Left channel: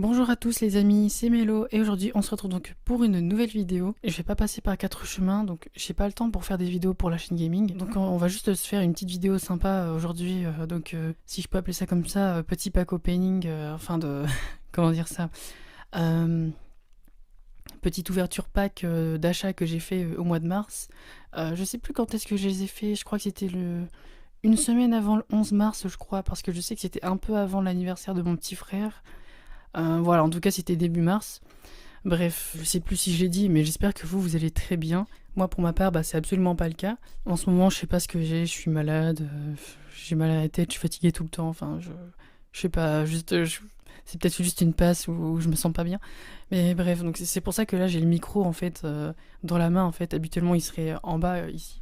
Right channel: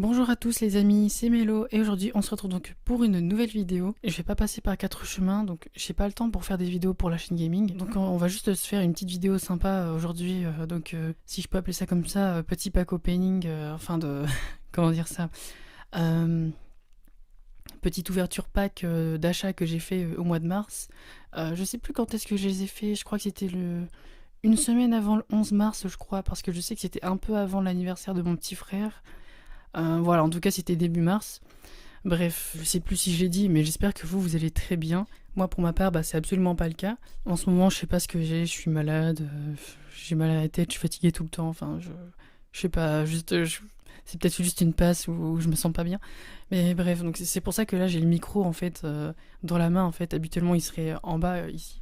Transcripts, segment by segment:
Bonjour à tous les amis, c'est Mélo et aujourd'hui on se retrouve donc pour une nouvelle vidéo. Je vais pas passer par 4 chemins, donc j'ai pas le temps pour faire des vidéos pour la chaîne gaming. Donc on va juste se faire une petite vidéo sympa aujourd'hui, si je peux appeler ça comme ça, petit pack opening, comment dire ça, petite ouverture pack d'achat que j'ai fait au mois de mars. Je sais plus quand est-ce que je les ai fait, je crois que c'était une semaine avant le 11 mars je crois, parce que je sais que c'était un peu avant l'anniversaire de mon petit frère. Voilà, en tout cas c'était début mars. Bref, je sais plus si j'ai dit, mais j'espère que vous allez très bien. Moi pour ma part, c'est absolument pas le cas. En ce moment, je sais pas ce que j'ai, je suis malade, j'ai mal à la tête, je suis fatiguée tout le temps, je sais pas, c'est peut-être juste une passe où je me sens pas bien. Mais bref, donc c'est pour ça que là j'ai le micro en fait dans la main en fait. Habituellement il serait en bas ici.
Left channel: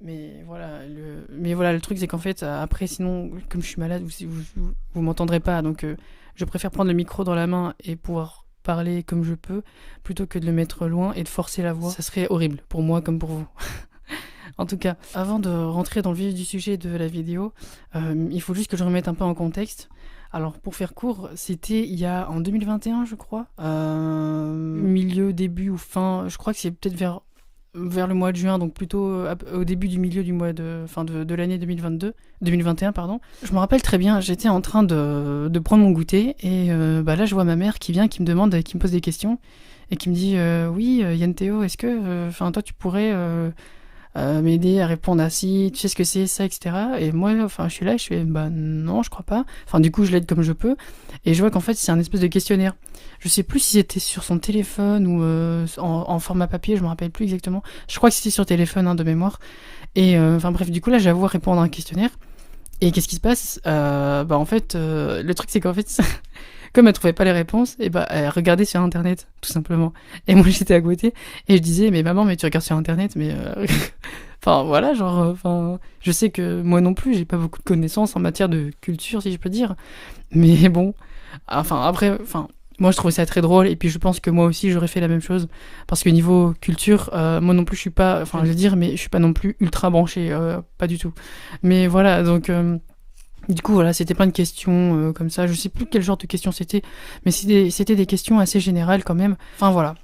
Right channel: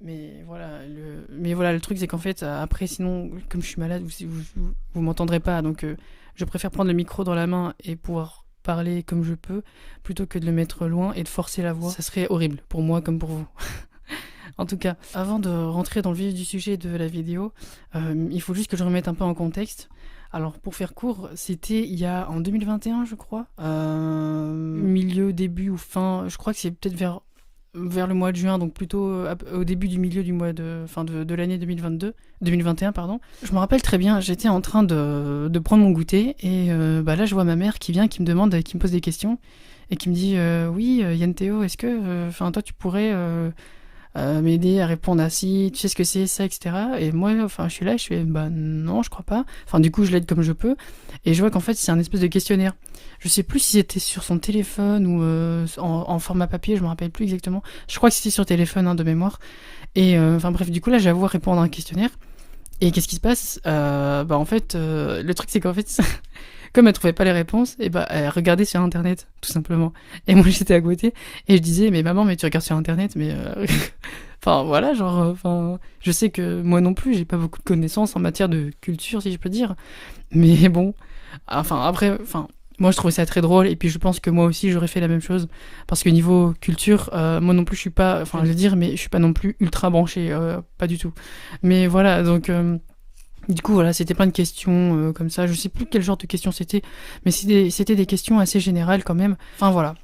Mais voilà, le truc c'est qu'en fait après sinon comme je suis malade vous m'entendrez pas, donc je préfère prendre le micro dans la main et pouvoir parler comme je peux plutôt que de le mettre loin et de forcer la voix. Ça serait horrible pour moi comme pour vous. En tout cas, avant de rentrer dans le vif du sujet de la vidéo, il faut juste que je remette un peu en contexte. Alors pour faire court, c'était en 2021 je crois, milieu, début ou fin, je crois que c'est peut-être vers le mois de juin, donc plutôt au début du milieu du mois de l'année 2021 pardon. Je me rappelle très bien, j'étais en train de prendre mon goûter et là je vois ma mère qui vient, qui me demande, qui me pose des questions et qui me dit oui Yann Théo, est-ce que toi tu pourrais m'aider à répondre à ci, tu sais ce que c'est ça, etc. Et moi je suis là, je fais non je crois pas, du coup je l'aide comme je peux et je vois qu'en fait c'est un espèce de questionnaire. Je sais plus si c'était sur son téléphone ou en format papier, je me rappelle plus exactement. Je crois que c'était sur téléphone de mémoire. Et bref, du coup là j'avoue répondre à un questionnaire. Et qu'est-ce qui se passe en fait, le truc c'est qu'en fait, comme elle trouvait pas les réponses, et elle regardait sur internet, tout simplement. Et moi j'étais à côté et je disais mais maman mais tu regardes sur internet mais je sais que moi non plus j'ai pas beaucoup de connaissances en matière de culture si je peux dire. Mais bon, moi je trouvais ça très drôle et puis je pense que moi aussi j'aurais fait la même chose parce que niveau culture moi non plus je suis pas, je vais dire, mais je suis pas non plus ultra branché, pas du tout. Mais voilà, donc du coup voilà, c'était plein de questions comme ça, je sais plus quel genre de questions c'était, mais c'était des questions assez générales quand même, voilà.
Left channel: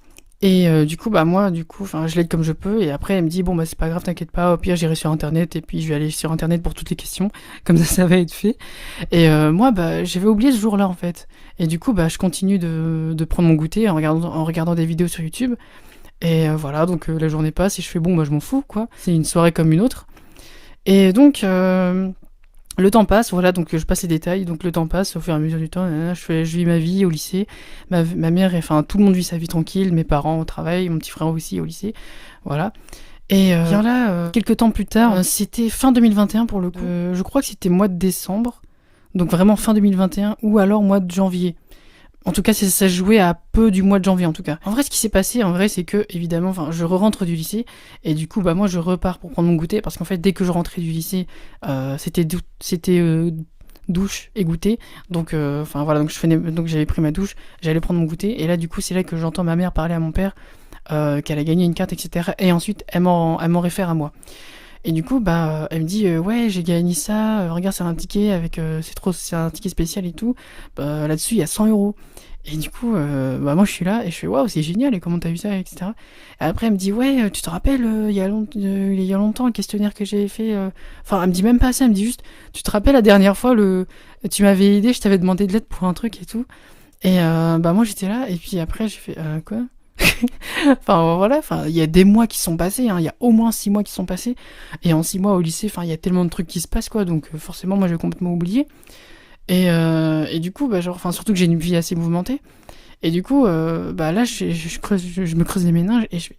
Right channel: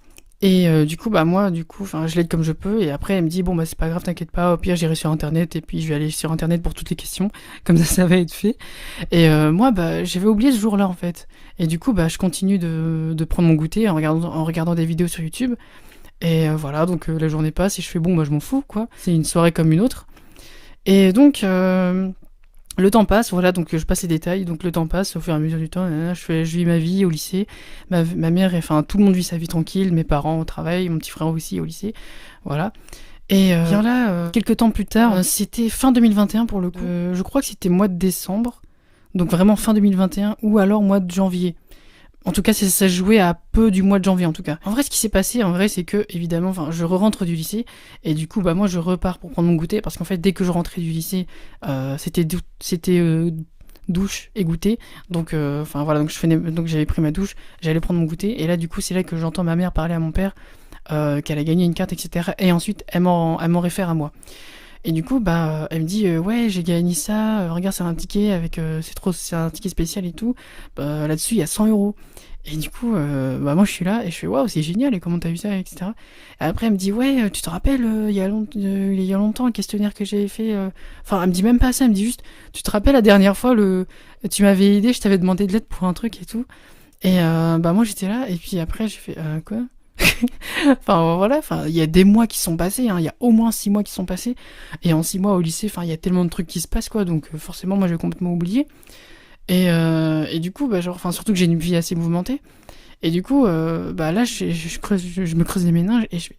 Et moi je l'aide comme je peux et après elle me dit bon c'est pas grave, t'inquiète pas, au pire j'irai sur internet et puis je vais aller sur internet pour toutes les questions, comme ça va être fait. Et moi j'avais oublié ce jour-là en fait. Et du coup je continue de prendre mon goûter en regardant des vidéos sur YouTube. Et voilà, donc la journée passe et je fais je m'en fous quoi, c'est une soirée comme une autre. Et donc le temps passe, voilà, donc je passe les détails, donc le temps passe au fur et à mesure du temps, je vis ma vie au lycée, ma mère, tout le monde vit sa vie tranquille, mes parents au travail, mon petit frère aussi au lycée, voilà. Et quelques temps plus tard, c'était fin 2021 pour le coup, je crois que c'était mois de décembre, donc vraiment fin 2021, ou alors mois de janvier. En tout cas, ça se jouait à peu du mois de janvier, en tout cas. En vrai, ce qui s'est passé, c'est que, évidemment, je rentre du lycée, et du coup, moi, je repars pour prendre mon goûter, parce qu'en fait, dès que je rentrais du lycée, c'était douche et goûter. Donc, donc j'avais pris ma douche, j'allais prendre mon goûter, et là, du coup, c'est là que j'entends ma mère parler à mon père, qu'elle a gagné une carte, etc. Et ensuite, elle m'en réfère à moi. Et du coup, elle me dit ouais, j'ai gagné ça, regarde, c'est un ticket avec c'est un ticket spécial et tout. Là-dessus, il y a 100 €. Et du coup, moi je suis là et je fais waouh, c'est génial, et comment t'as vu ça, etc. Et après, elle me dit ouais, tu te rappelles, il y a longtemps, le questionnaire que j'avais fait. Elle me dit même pas ça, elle me dit juste, tu te rappelles la dernière fois, tu m'avais aidé, je t'avais demandé de l'aide pour un truc et tout. Et moi j'étais là, et puis après, j'ai fait quoi? Il y a des mois qui sont passés, il y a au moins 6 mois qui sont passés, et en 6 mois au lycée, il y a tellement de trucs qui se passent quoi, donc forcément moi j'ai complètement oublié. Et du coup surtout que j'ai une vie assez mouvementée, et du coup là je me creuse les méninges et je fais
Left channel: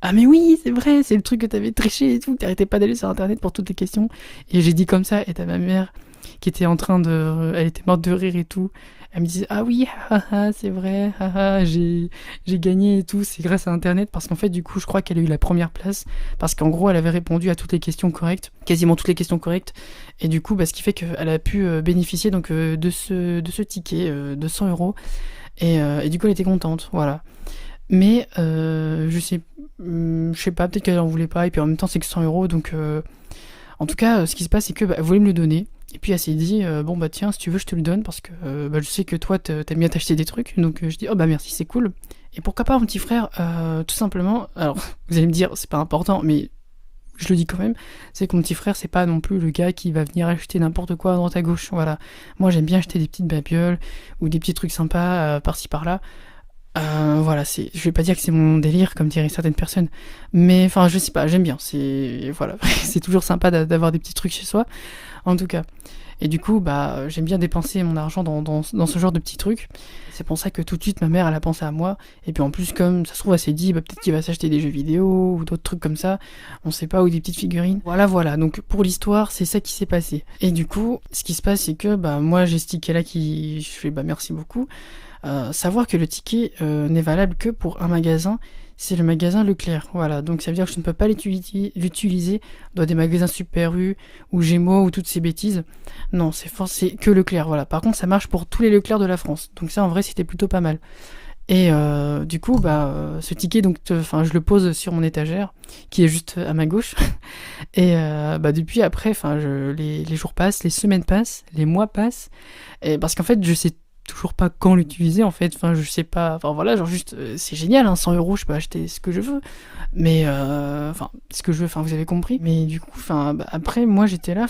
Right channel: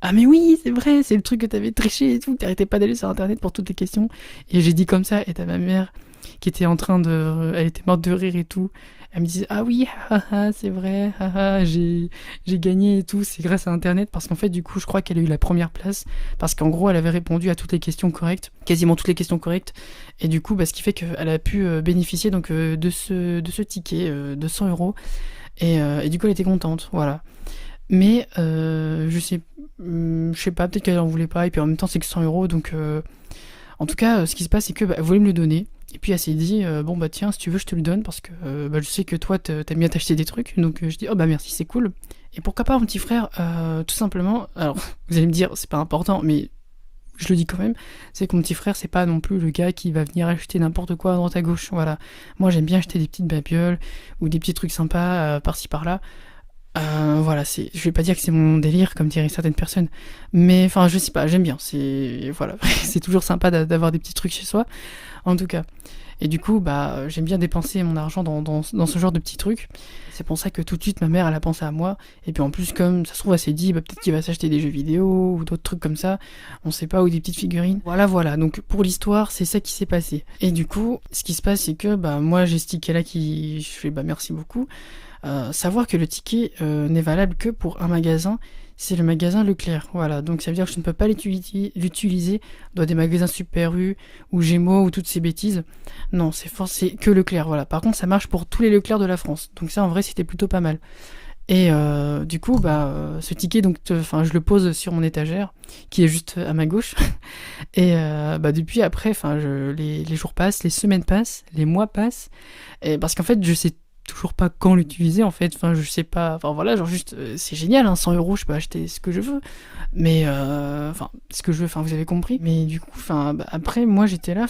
ah mais oui c'est vrai, c'est le truc que t'avais triché et tout, t'arrêtais pas d'aller sur internet pour toutes les questions. Et j'ai dit comme ça, et t'as ma mère qui était elle était morte de rire et tout. Elle me disait ah oui, c'est vrai, j'ai gagné et tout, c'est grâce à internet, parce qu'en fait du coup je crois qu'elle a eu la première place, parce qu'en gros elle avait répondu à toutes les questions correctes, quasiment toutes les questions correctes, et du coup ce qui fait qu'elle a pu bénéficier donc de ce ticket de 100 €, et du coup elle était contente, voilà. Mais je sais pas, peut-être qu'elle en voulait pas, et puis en même temps c'est que 100 €, donc en tout cas ce qui se passe c'est que elle voulait me le donner. Et puis elle s'est dit, bon bah tiens, si tu veux, je te le donne parce que bah, je sais que toi, t'aimes bien t'acheter des trucs. Donc je dis, oh bah merci, c'est cool. Et pourquoi pas mon petit frère, tout simplement, alors vous allez me dire, c'est pas important, mais je le dis quand même, c'est que mon petit frère, c'est pas non plus le gars qui va venir acheter n'importe quoi à droite à gauche. Voilà. Moi, j'aime bien acheter des petites babioles ou des petits trucs sympas par-ci par-là. Voilà, je vais pas dire que c'est mon délire, comme diraient certaines personnes, mais enfin, je sais pas, j'aime bien. Voilà, c'est toujours sympa d'avoir des petits trucs chez soi, en tout cas. Et du coup, bah, j'aime bien dépenser mon argent dans ce genre de petits trucs. C'est pour ça que tout de suite, ma mère, elle a pensé à moi. Et puis en plus, comme ça se trouve, elle s'est dit, bah, peut-être qu'il va s'acheter des jeux vidéo ou d'autres trucs comme ça. On sait pas, ou des petites figurines. Voilà. Donc pour l'histoire, c'est ça qui s'est passé. Et du coup, ce qui se passe, c'est que bah, moi, j'ai ce ticket-là je fais, bah, merci beaucoup. Savoir que le ticket n'est valable que pour un magasin, c'est le magasin Leclerc. Voilà, donc ça veut dire que je ne peux pas l'utiliser dans des magasins Super U ou Gémeaux ou toutes ces bêtises. Non, c'est que Leclerc. Voilà. Par contre, ça marche pour tous les Leclerc de la France. Donc ça, en vrai, c'était plutôt pas mal. Et du coup, bah, ce ticket, donc, je le pose sur mon étagère, qui est juste à ma gauche. Et bah, depuis après, les jours passent, les semaines passent, les mois passent. Et parce qu'en fait, je sais toujours pas quand l'utiliser en fait, je sais pas, voilà, genre juste c'est génial, hein, 100 €, je peux acheter ce que je veux, mais ce que je veux, vous avez compris. Mais du coup, bah, après moi j'étais là,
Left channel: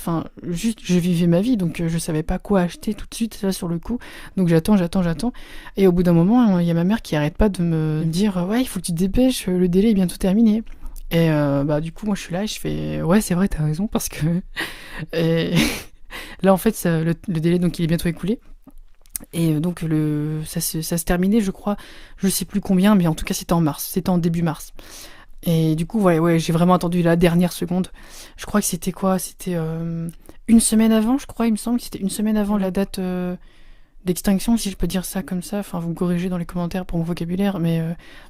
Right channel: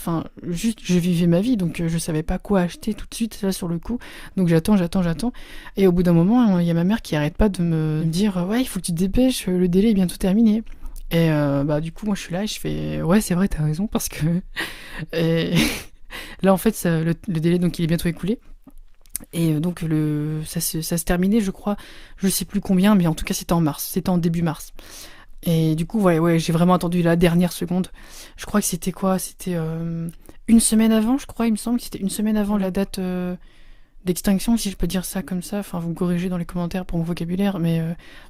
juste je vivais ma vie, donc je savais pas quoi acheter tout de suite là sur le coup, donc j'attends, et au bout d'un moment il y a ma mère qui arrête pas de me dire ouais, il faut que tu te dépêches, le délai est bientôt terminé. Et bah du coup moi je suis là et je fais ouais, c'est vrai, t'as raison, parce que et là en fait le délai, donc il est bientôt écoulé. Et donc ça se terminait, je crois, je sais plus combien, mais en tout cas c'était en mars, c'était en début mars. Et du coup, ouais, j'ai vraiment attendu la dernière seconde. Je crois que c'était quoi? C'était une semaine avant, je crois, il me semble que c'était une semaine avant la date d'extinction, si je peux dire ça comme ça. Vous me corrigez dans les commentaires pour mon vocabulaire, mais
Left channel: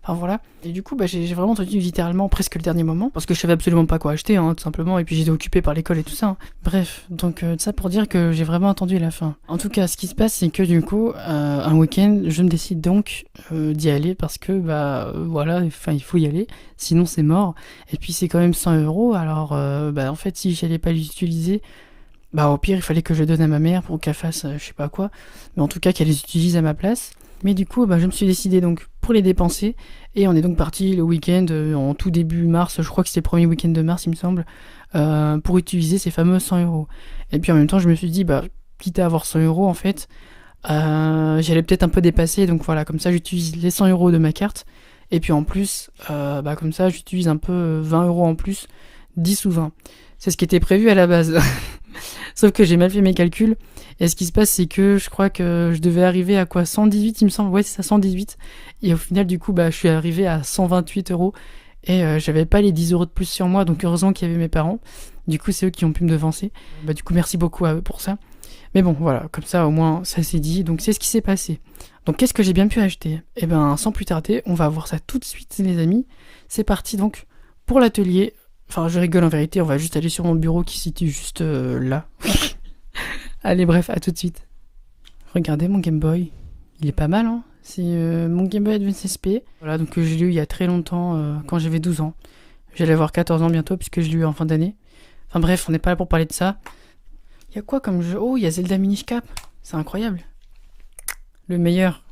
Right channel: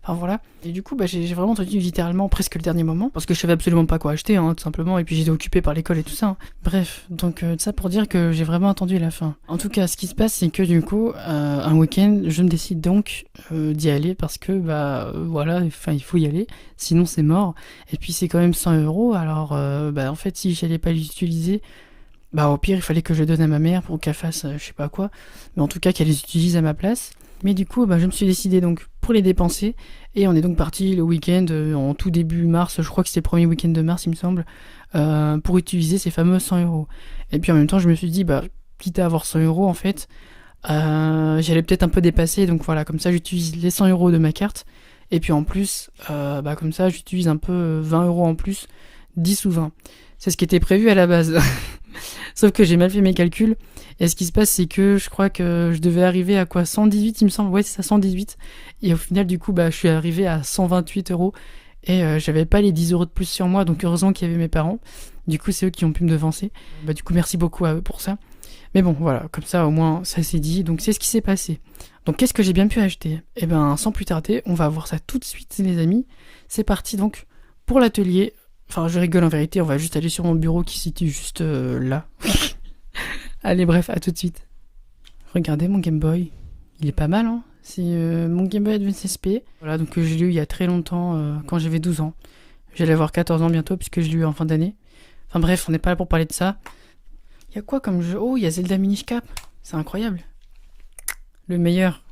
voilà. Et du coup, bah, j'ai vraiment attendu littéralement presque le dernier moment, parce que je savais absolument pas quoi acheter, hein, tout simplement, et puis j'étais occupée par l'école et tout ça, hein. Bref, donc ça pour dire que j'ai vraiment attendu la fin. En tout cas, ce qui se passe, c'est que du coup, un week-end, je me décide donc d'y aller, parce que bah voilà, il faut y aller, sinon c'est mort. Et puis c'est quand même 100 €, alors bah en fait, si j'allais pas l'utiliser, bah au pire il fallait que je donne à ma mère pour qu'elle fasse je sais pas quoi, mais en tout cas qu'elle les utilise à ma place. Mais du coup bah, je me suis décidé donc pour les dépenser, et on est donc parti le week-end en tout début mars, je crois que c'est le premier week-end de mars il me semble, pour utiliser ces fameux 100 €. Et puis en même temps je me suis dit bah quitte à avoir 100 € en fait, j'allais peut-être un peu dépasser, donc voilà, comme ça j'utilise les 100 € de ma carte, et puis en plus bah comme ça j'utilise un peu 20 € en plus, 10 ou 20. C'est ce qui était prévu à la base. Sauf que j'ai mal fait mes calculs. Et ce qui se passe, c'est que je crois que je devais arriver à quoi, 118, il me semble. Ouais, c'est ça, 118. Et au final, du coup, bah, je suis arrivé à 128 €. Et j'avais pas les 10 € de plus sur moi. Donc heureusement qu'il y avait mes parents. Du coup, c'est eux qui ont pu me devancer. Bah, du coup, merci beaucoup à eux pour ça. Mais bon, voilà, comme ça, au moins, ça s'est dit. Donc c'est ce qui s'est passé. Donc qu'est-ce que j'ai bien pu acheter? Eh ben, sans plus tarder, on va voir ça tout de suite, les amis. C'est parti donc pour l'atelier. Je rigole, en vérité, on va juste aller sur mon bureau qui se situe juste là. Allez, bref, à tout de suite. Regardez mon Game Boy. Il est pas mal, hein. C'est mon Game Boy Advance SP. Voilà, donc je l'ai eu il y a très longtemps, quand j'avais 12 ans. J'allais avoir 14 ans bientôt, puisque je l'ai eu en fin d'année. Bref, on n'est pas là pour parler de ça. Il y a quoi comme jeu? Oh, il y a Zelda Minish Cap. C'est incroyable. Le meilleur.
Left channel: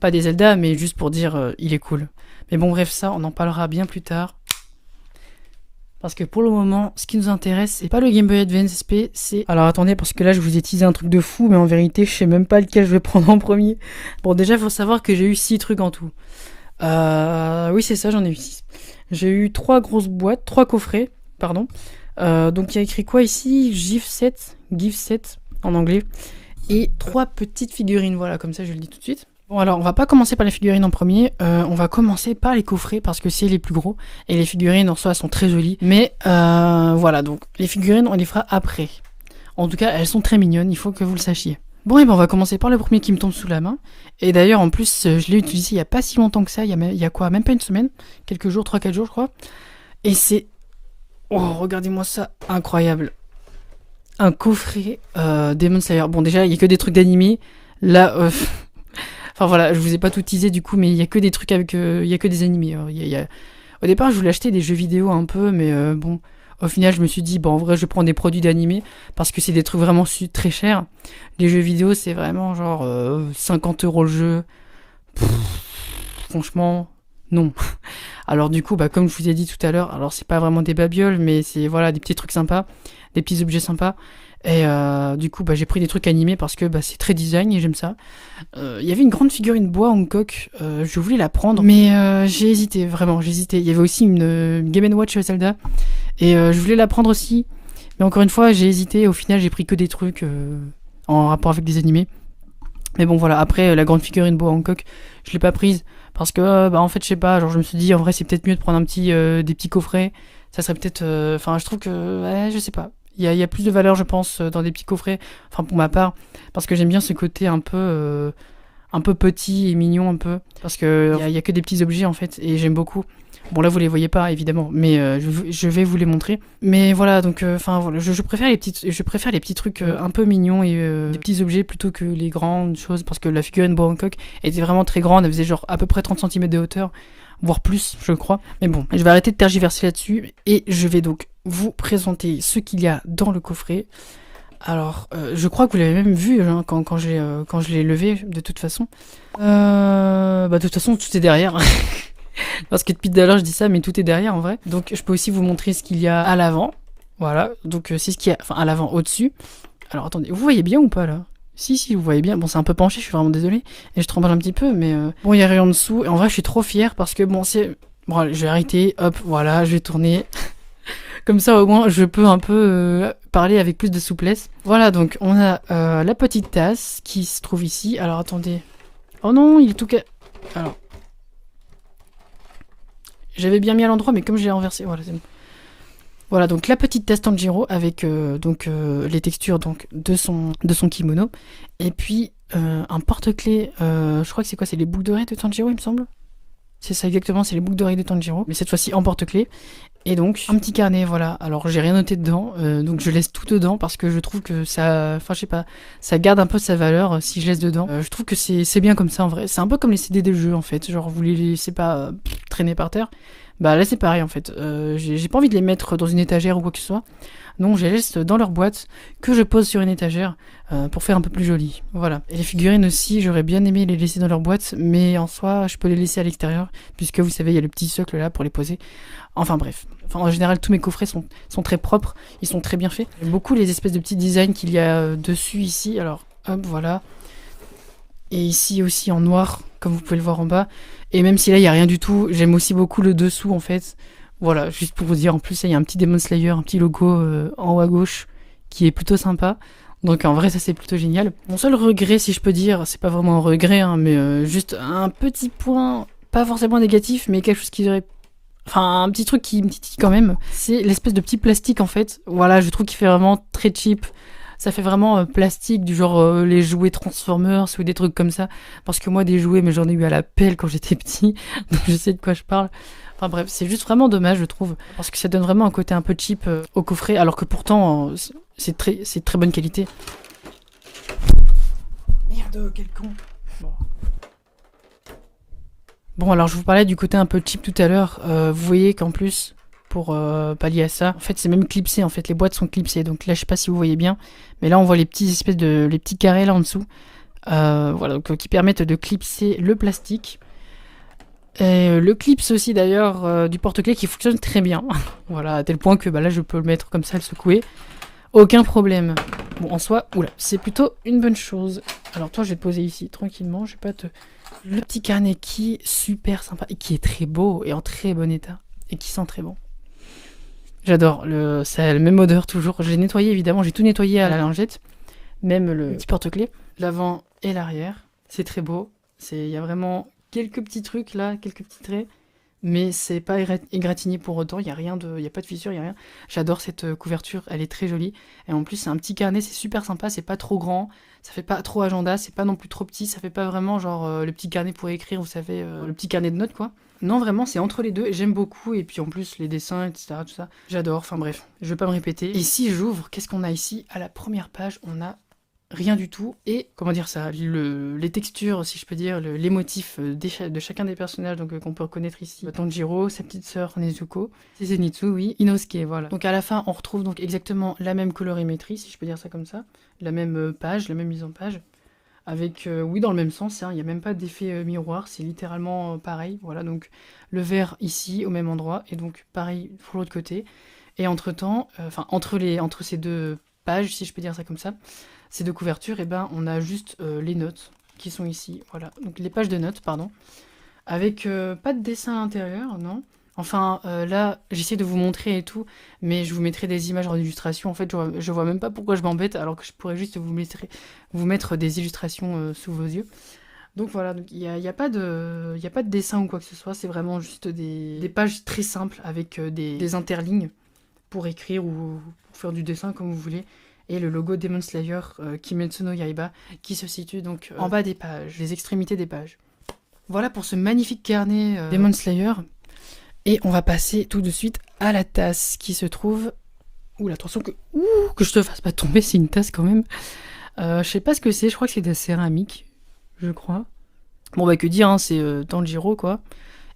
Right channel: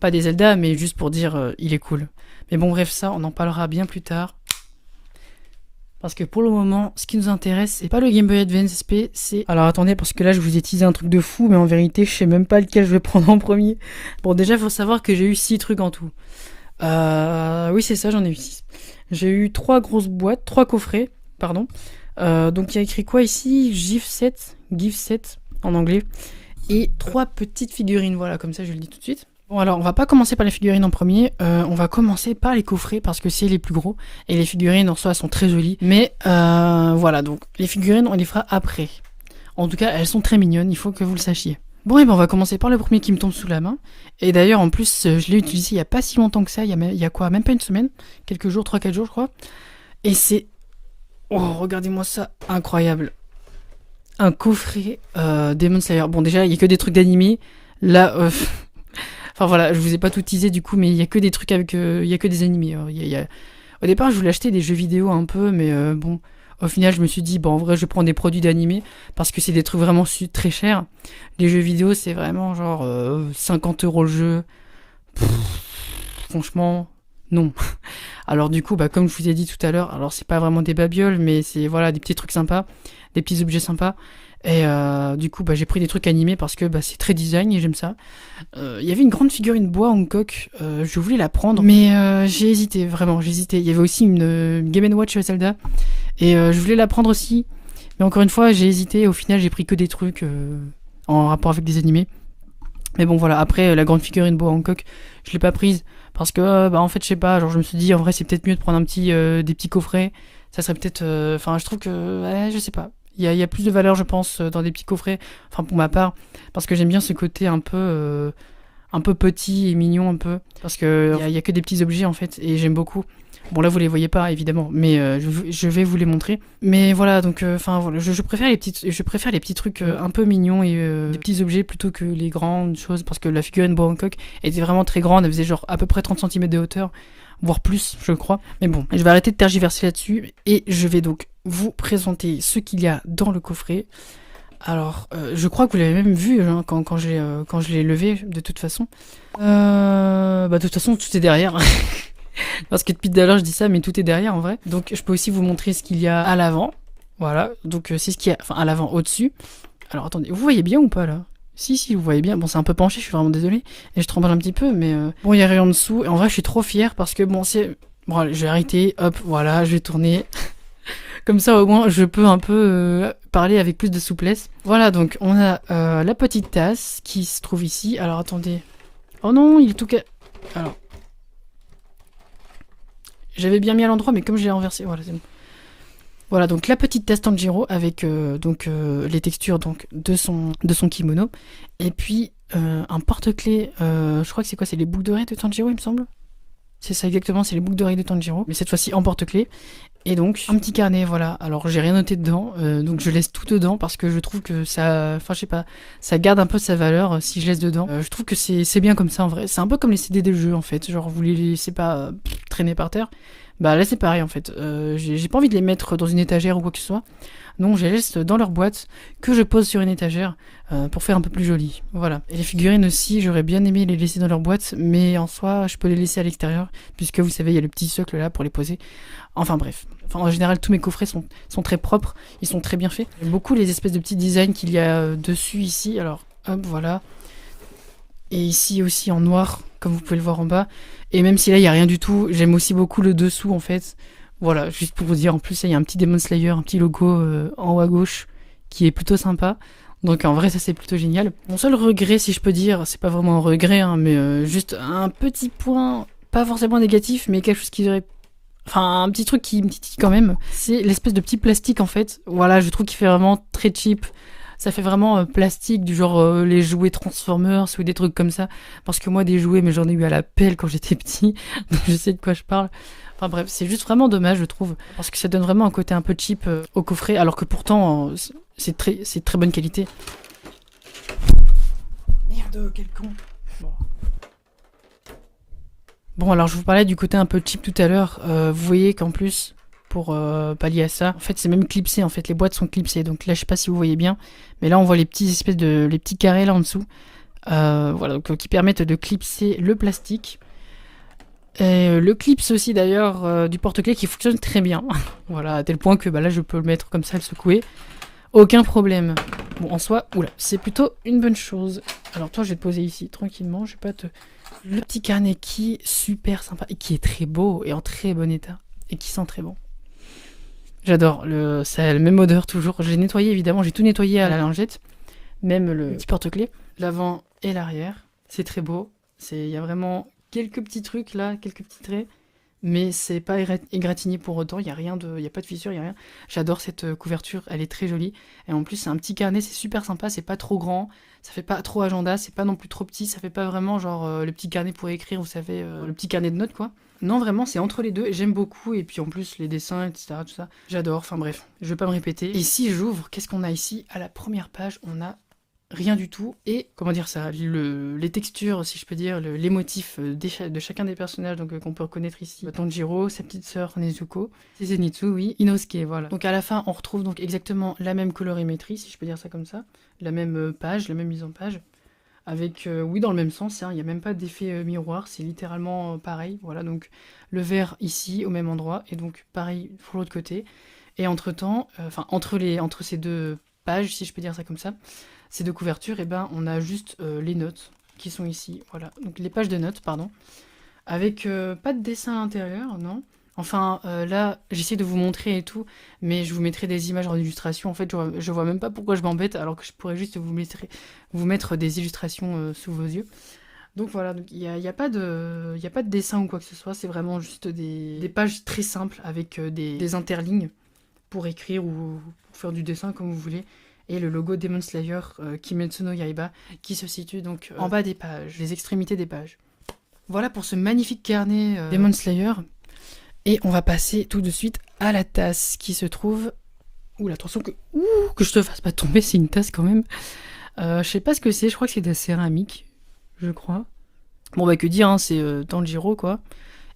Pas des Zelda, mais juste pour dire, il est cool. Mais bon, bref, ça, on en parlera bien plus tard. Parce que pour le moment, ce qui nous intéresse, c'est pas le Game Boy Advance SP, c'est... Alors attendez, parce que là, je vous ai teasé un truc de fou, mais en vérité, je sais même pas lequel je vais prendre en premier. Bon, déjà, il faut savoir que j'ai eu 6 trucs en tout. Oui, c'est ça, j'en ai eu 6. J'ai eu 3 grosses boîtes, 3 coffrets, pardon. Donc, il y a écrit quoi ici? GIF 7, en anglais. Et 3 petites figurines, voilà, comme ça, je le dis tout de suite. Bon, alors on va pas commencer par les figurines en premier, on va commencer par les coffrets parce que c'est les plus gros, et les figurines en soi sont très jolies, mais voilà, donc les figurines on les fera après. En tout cas elles sont très mignonnes, il faut que vous le sachiez. Bon, et ben on va commencer par le premier qui me tombe sous la main, et d'ailleurs en plus je l'ai utilisé il y a pas si longtemps que ça, il y a quoi, même pas une semaine, quelques jours, 3-4 jours je crois, et c'est, oh regardez-moi ça, incroyable. Un coffret Demon Slayer. Bon déjà il y a que des trucs d'animé, là... voilà, je vous ai pas tout teasé du coup, mais il y a que des trucs avec, il y a que des animés. Au départ, je voulais acheter des jeux vidéo un peu, mais bon, Au final, je me suis dit, bon, en vrai, je prends des produits d'animé parce que c'est des trucs vraiment très chers. Les jeux vidéo, c'est vraiment genre 50 € le jeu. Pff, franchement, non. Alors du coup, bah, comme je vous ai dit tout à l'heure, alors c'est pas vraiment des babioles, mais c'est voilà des petits trucs sympas, des petits objets sympas. Et du coup, bah, j'ai pris des trucs animés parce que bah, c'est très design et j'aime ça. Il y avait une grande figurine bois Hancock, je voulais la prendre, mais j'ai hésité, vraiment, j'ai hésité. Il y avait aussi une Game & Watch Zelda, et je voulais la prendre aussi, mais encore une fois, j'ai hésité. Au final, j'ai pris que des trucs en rapport avec des animés. Mais bon, voilà, après, la grande figurine bois Hancock, je l'ai pas prise parce que, bah, en fait, je sais pas, genre, je me suis dit, en vrai, c'est peut-être mieux de prendre des petits coffrets. Ça serait peut-être, enfin, je trouve que, ouais, je sais pas. Il y a plus de valeur, je pense, dans des petits coffrets, enfin pour ma part, parce que j'aime bien ce côté un peu petit et mignon un peu, parce que il y a que des petits objets en fait, et j'aime beaucoup. Bon là vous les voyez pas évidemment, mais je vais vous les montrer. Mais voilà donc, enfin voilà, je préfère je préfère les petits trucs un peu mignons et des petits objets plutôt que les grandes choses, parce que la figurine Boa Hancock était vraiment très grande, elle faisait genre à peu près 30 cm de hauteur, voire plus, je crois. Mais bon, je vais arrêter de tergiverser là-dessus et je vais donc vous présenter ce qu'il y a dans le coffret. Alors, je crois que vous l'avez même vu hein, quand je l'ai levé, de toute façon. Bah, de toute façon, tout est derrière. Parce que depuis tout à l'heure, je dis ça, mais tout est derrière en vrai. Donc, je peux aussi vous montrer ce qu'il y a à l'avant. Voilà, donc c'est ce qu'il y a, enfin à l'avant, au-dessus. Alors, attendez, vous voyez bien ou pas là? Si, vous voyez bien. Bon, c'est un peu penché, je suis vraiment désolé. Et je tremble un petit peu, mais bon, il y a rien en dessous. Et en vrai, je suis trop fier parce que bon, c'est... Bon, allez, je vais arrêter. Hop, voilà, je vais tourner. Comme ça, au moins, je peux un peu parler avec plus de souplesse. Voilà, donc, on a la petite tasse qui se trouve ici. Alors, attendez. Oh non, il est tout Alors. J'avais bien mis à l'endroit, mais comme j'ai renversé... Voilà, c'est bon. Voilà, donc la petite tasse Tanjiro avec les textures donc de son kimono. Et puis un porte-clés, je crois que c'est quoi? C'est les boucles d'oreilles de Tanjiro, il me semble. C'est ça exactement, c'est les boucles d'oreilles de Tanjiro, mais cette fois-ci en porte-clés. Et donc un petit carnet, voilà. Alors j'ai rien noté dedans, donc je laisse tout dedans parce que je trouve que ça, enfin je sais pas, ça garde un peu sa valeur si je laisse dedans. Je trouve que c'est bien comme ça en vrai. C'est un peu comme les CD de jeux en fait, genre vous les laissez pas traîner par terre. Bah là c'est pareil en fait. J'ai pas envie de les mettre dans une étagère ou quoi que ce soit. Donc je les laisse dans leur boîte que je pose sur une étagère pour faire un peu plus joli. Voilà. Et les figurines aussi, j'aurais bien aimé les laisser dans leur boîte, mais en soi je peux les laisser à l'extérieur puisque vous savez il y a le petit socle là pour les poser. Enfin bref. Enfin, en général tous mes coffrets sont très propres, ils sont très bien faits. J'aime beaucoup les espèces de petits designs qu'il y a dessus ici. Alors hop voilà. Et ici aussi en noir comme vous pouvez le voir en bas. Et même si là il n'y a rien du tout, j'aime aussi beaucoup le dessous en fait. Voilà, juste pour vous dire, en plus il y a un petit Demon Slayer, un petit logo en haut à gauche qui est plutôt sympa. Donc en vrai ça c'est plutôt génial. Mon seul regret si je peux dire, c'est pas vraiment un regret hein, mais juste un petit point, pas forcément négatif, mais quelque chose qui aurait... Enfin un petit truc qui me titille quand même, c'est l'espèce de petit plastique en fait. Voilà, je trouve qu'il fait vraiment très cheap. Ça fait vraiment plastique, du genre les jouets Transformers ou des trucs comme ça. Parce que moi, des jouets, mais j'en ai eu à la pelle quand j'étais petit. Donc je sais de quoi je parle. Enfin bref, c'est juste vraiment dommage, je trouve. Parce que ça donne vraiment un côté un peu cheap au coffret. Alors que pourtant, c'est de très bonne qualité. Merde, quel con. Bon, alors je vous parlais du côté un peu cheap tout à l'heure. Vous voyez qu'en plus... pour pallier à ça. En fait, c'est même clipsé. En fait, les boîtes sont clipsées. Donc là, je sais pas si vous voyez bien, mais là, on voit les petits carrés là en dessous. Voilà, donc qui permettent de clipser le plastique. Et le clips aussi d'ailleurs du porte-clés qui fonctionne très bien. Voilà, à tel point que bah, là, je peux le mettre comme ça, le secouer. Aucun problème. Bon, en soi, oula, c'est plutôt une bonne chose. Alors toi, je vais te poser ici tranquillement. Je vais pas te... Le petit carnet qui est super sympa et qui est très beau et en très bon état et qui sent très bon. J'adore, ça a la même odeur toujours. Je l'ai nettoyé évidemment, j'ai tout nettoyé à la lingette. Même le petit porte-clés, l'avant et l'arrière. C'est très beau. Il y a vraiment quelques petits trucs là, quelques petits traits. Mais c'est pas égratigné pour autant, il n'y a pas de fissure, il n'y a rien. J'adore cette couverture, elle est très jolie. Et en plus c'est un petit carnet, c'est super sympa, c'est pas trop grand. Ça fait pas trop agenda, c'est pas non plus trop petit. Ça fait pas vraiment genre le petit carnet pour écrire, vous savez, le petit carnet de notes quoi. Non, vraiment, c'est entre les deux et j'aime beaucoup. Et puis en plus, les dessins, etc., tout ça, j'adore. Enfin bref, je vais pas me répéter. Et si j'ouvre, qu'est-ce qu'on a ici? À la première page, on a rien du tout. Et, comment dire ça, les textures, si je peux dire, les motifs de chacun des personnages qu'on peut reconnaître ici. Tanjiro, sa petite sœur Nezuko, c'est Zenitsu, oui, Inosuke, voilà. Donc à la fin, on retrouve donc exactement la même colorimétrie, si je peux dire ça comme ça. La même page, la même mise en page. Avec, oui, dans le même sens, il n'y a même pas d'effet miroir, c'est littéralement pareil. Voilà, donc le vert ici, au même endroit, et donc pareil pour l'autre côté. Et entre-temps, entre ces deux pages, si je peux dire ça comme ça, ces deux couvertures, et ben, on a juste les notes qui sont ici. Voilà, donc les pages de notes, pardon. Avec pas de dessin à l'intérieur, non. Enfin, là, j'essaie de vous montrer et tout, mais je vous mettrai des images en illustration. En fait, je vois même pas pourquoi je m'embête, alors que je pourrais juste vous mettre des illustrations sous vos yeux. Donc voilà, il n'y a pas de dessin ou quoi que ce soit, c'est vraiment juste des pages très simples avec des interlignes pour écrire ou pour faire du dessin comme vous voulez. Et le logo Demon Slayer Kimetsu no Yaiba qui se situe donc en bas des pages, les extrémités des pages. Voilà pour ce magnifique carnet Demon Slayer. Et on va passer tout de suite à la tasse qui se trouve... Ouh, attention que je te fasse pas tomber, c'est une tasse quand même. Je sais pas ce que c'est, je crois que c'est de la céramique, je crois. Bon, bah que dire, hein, c'est Tanjiro, quoi.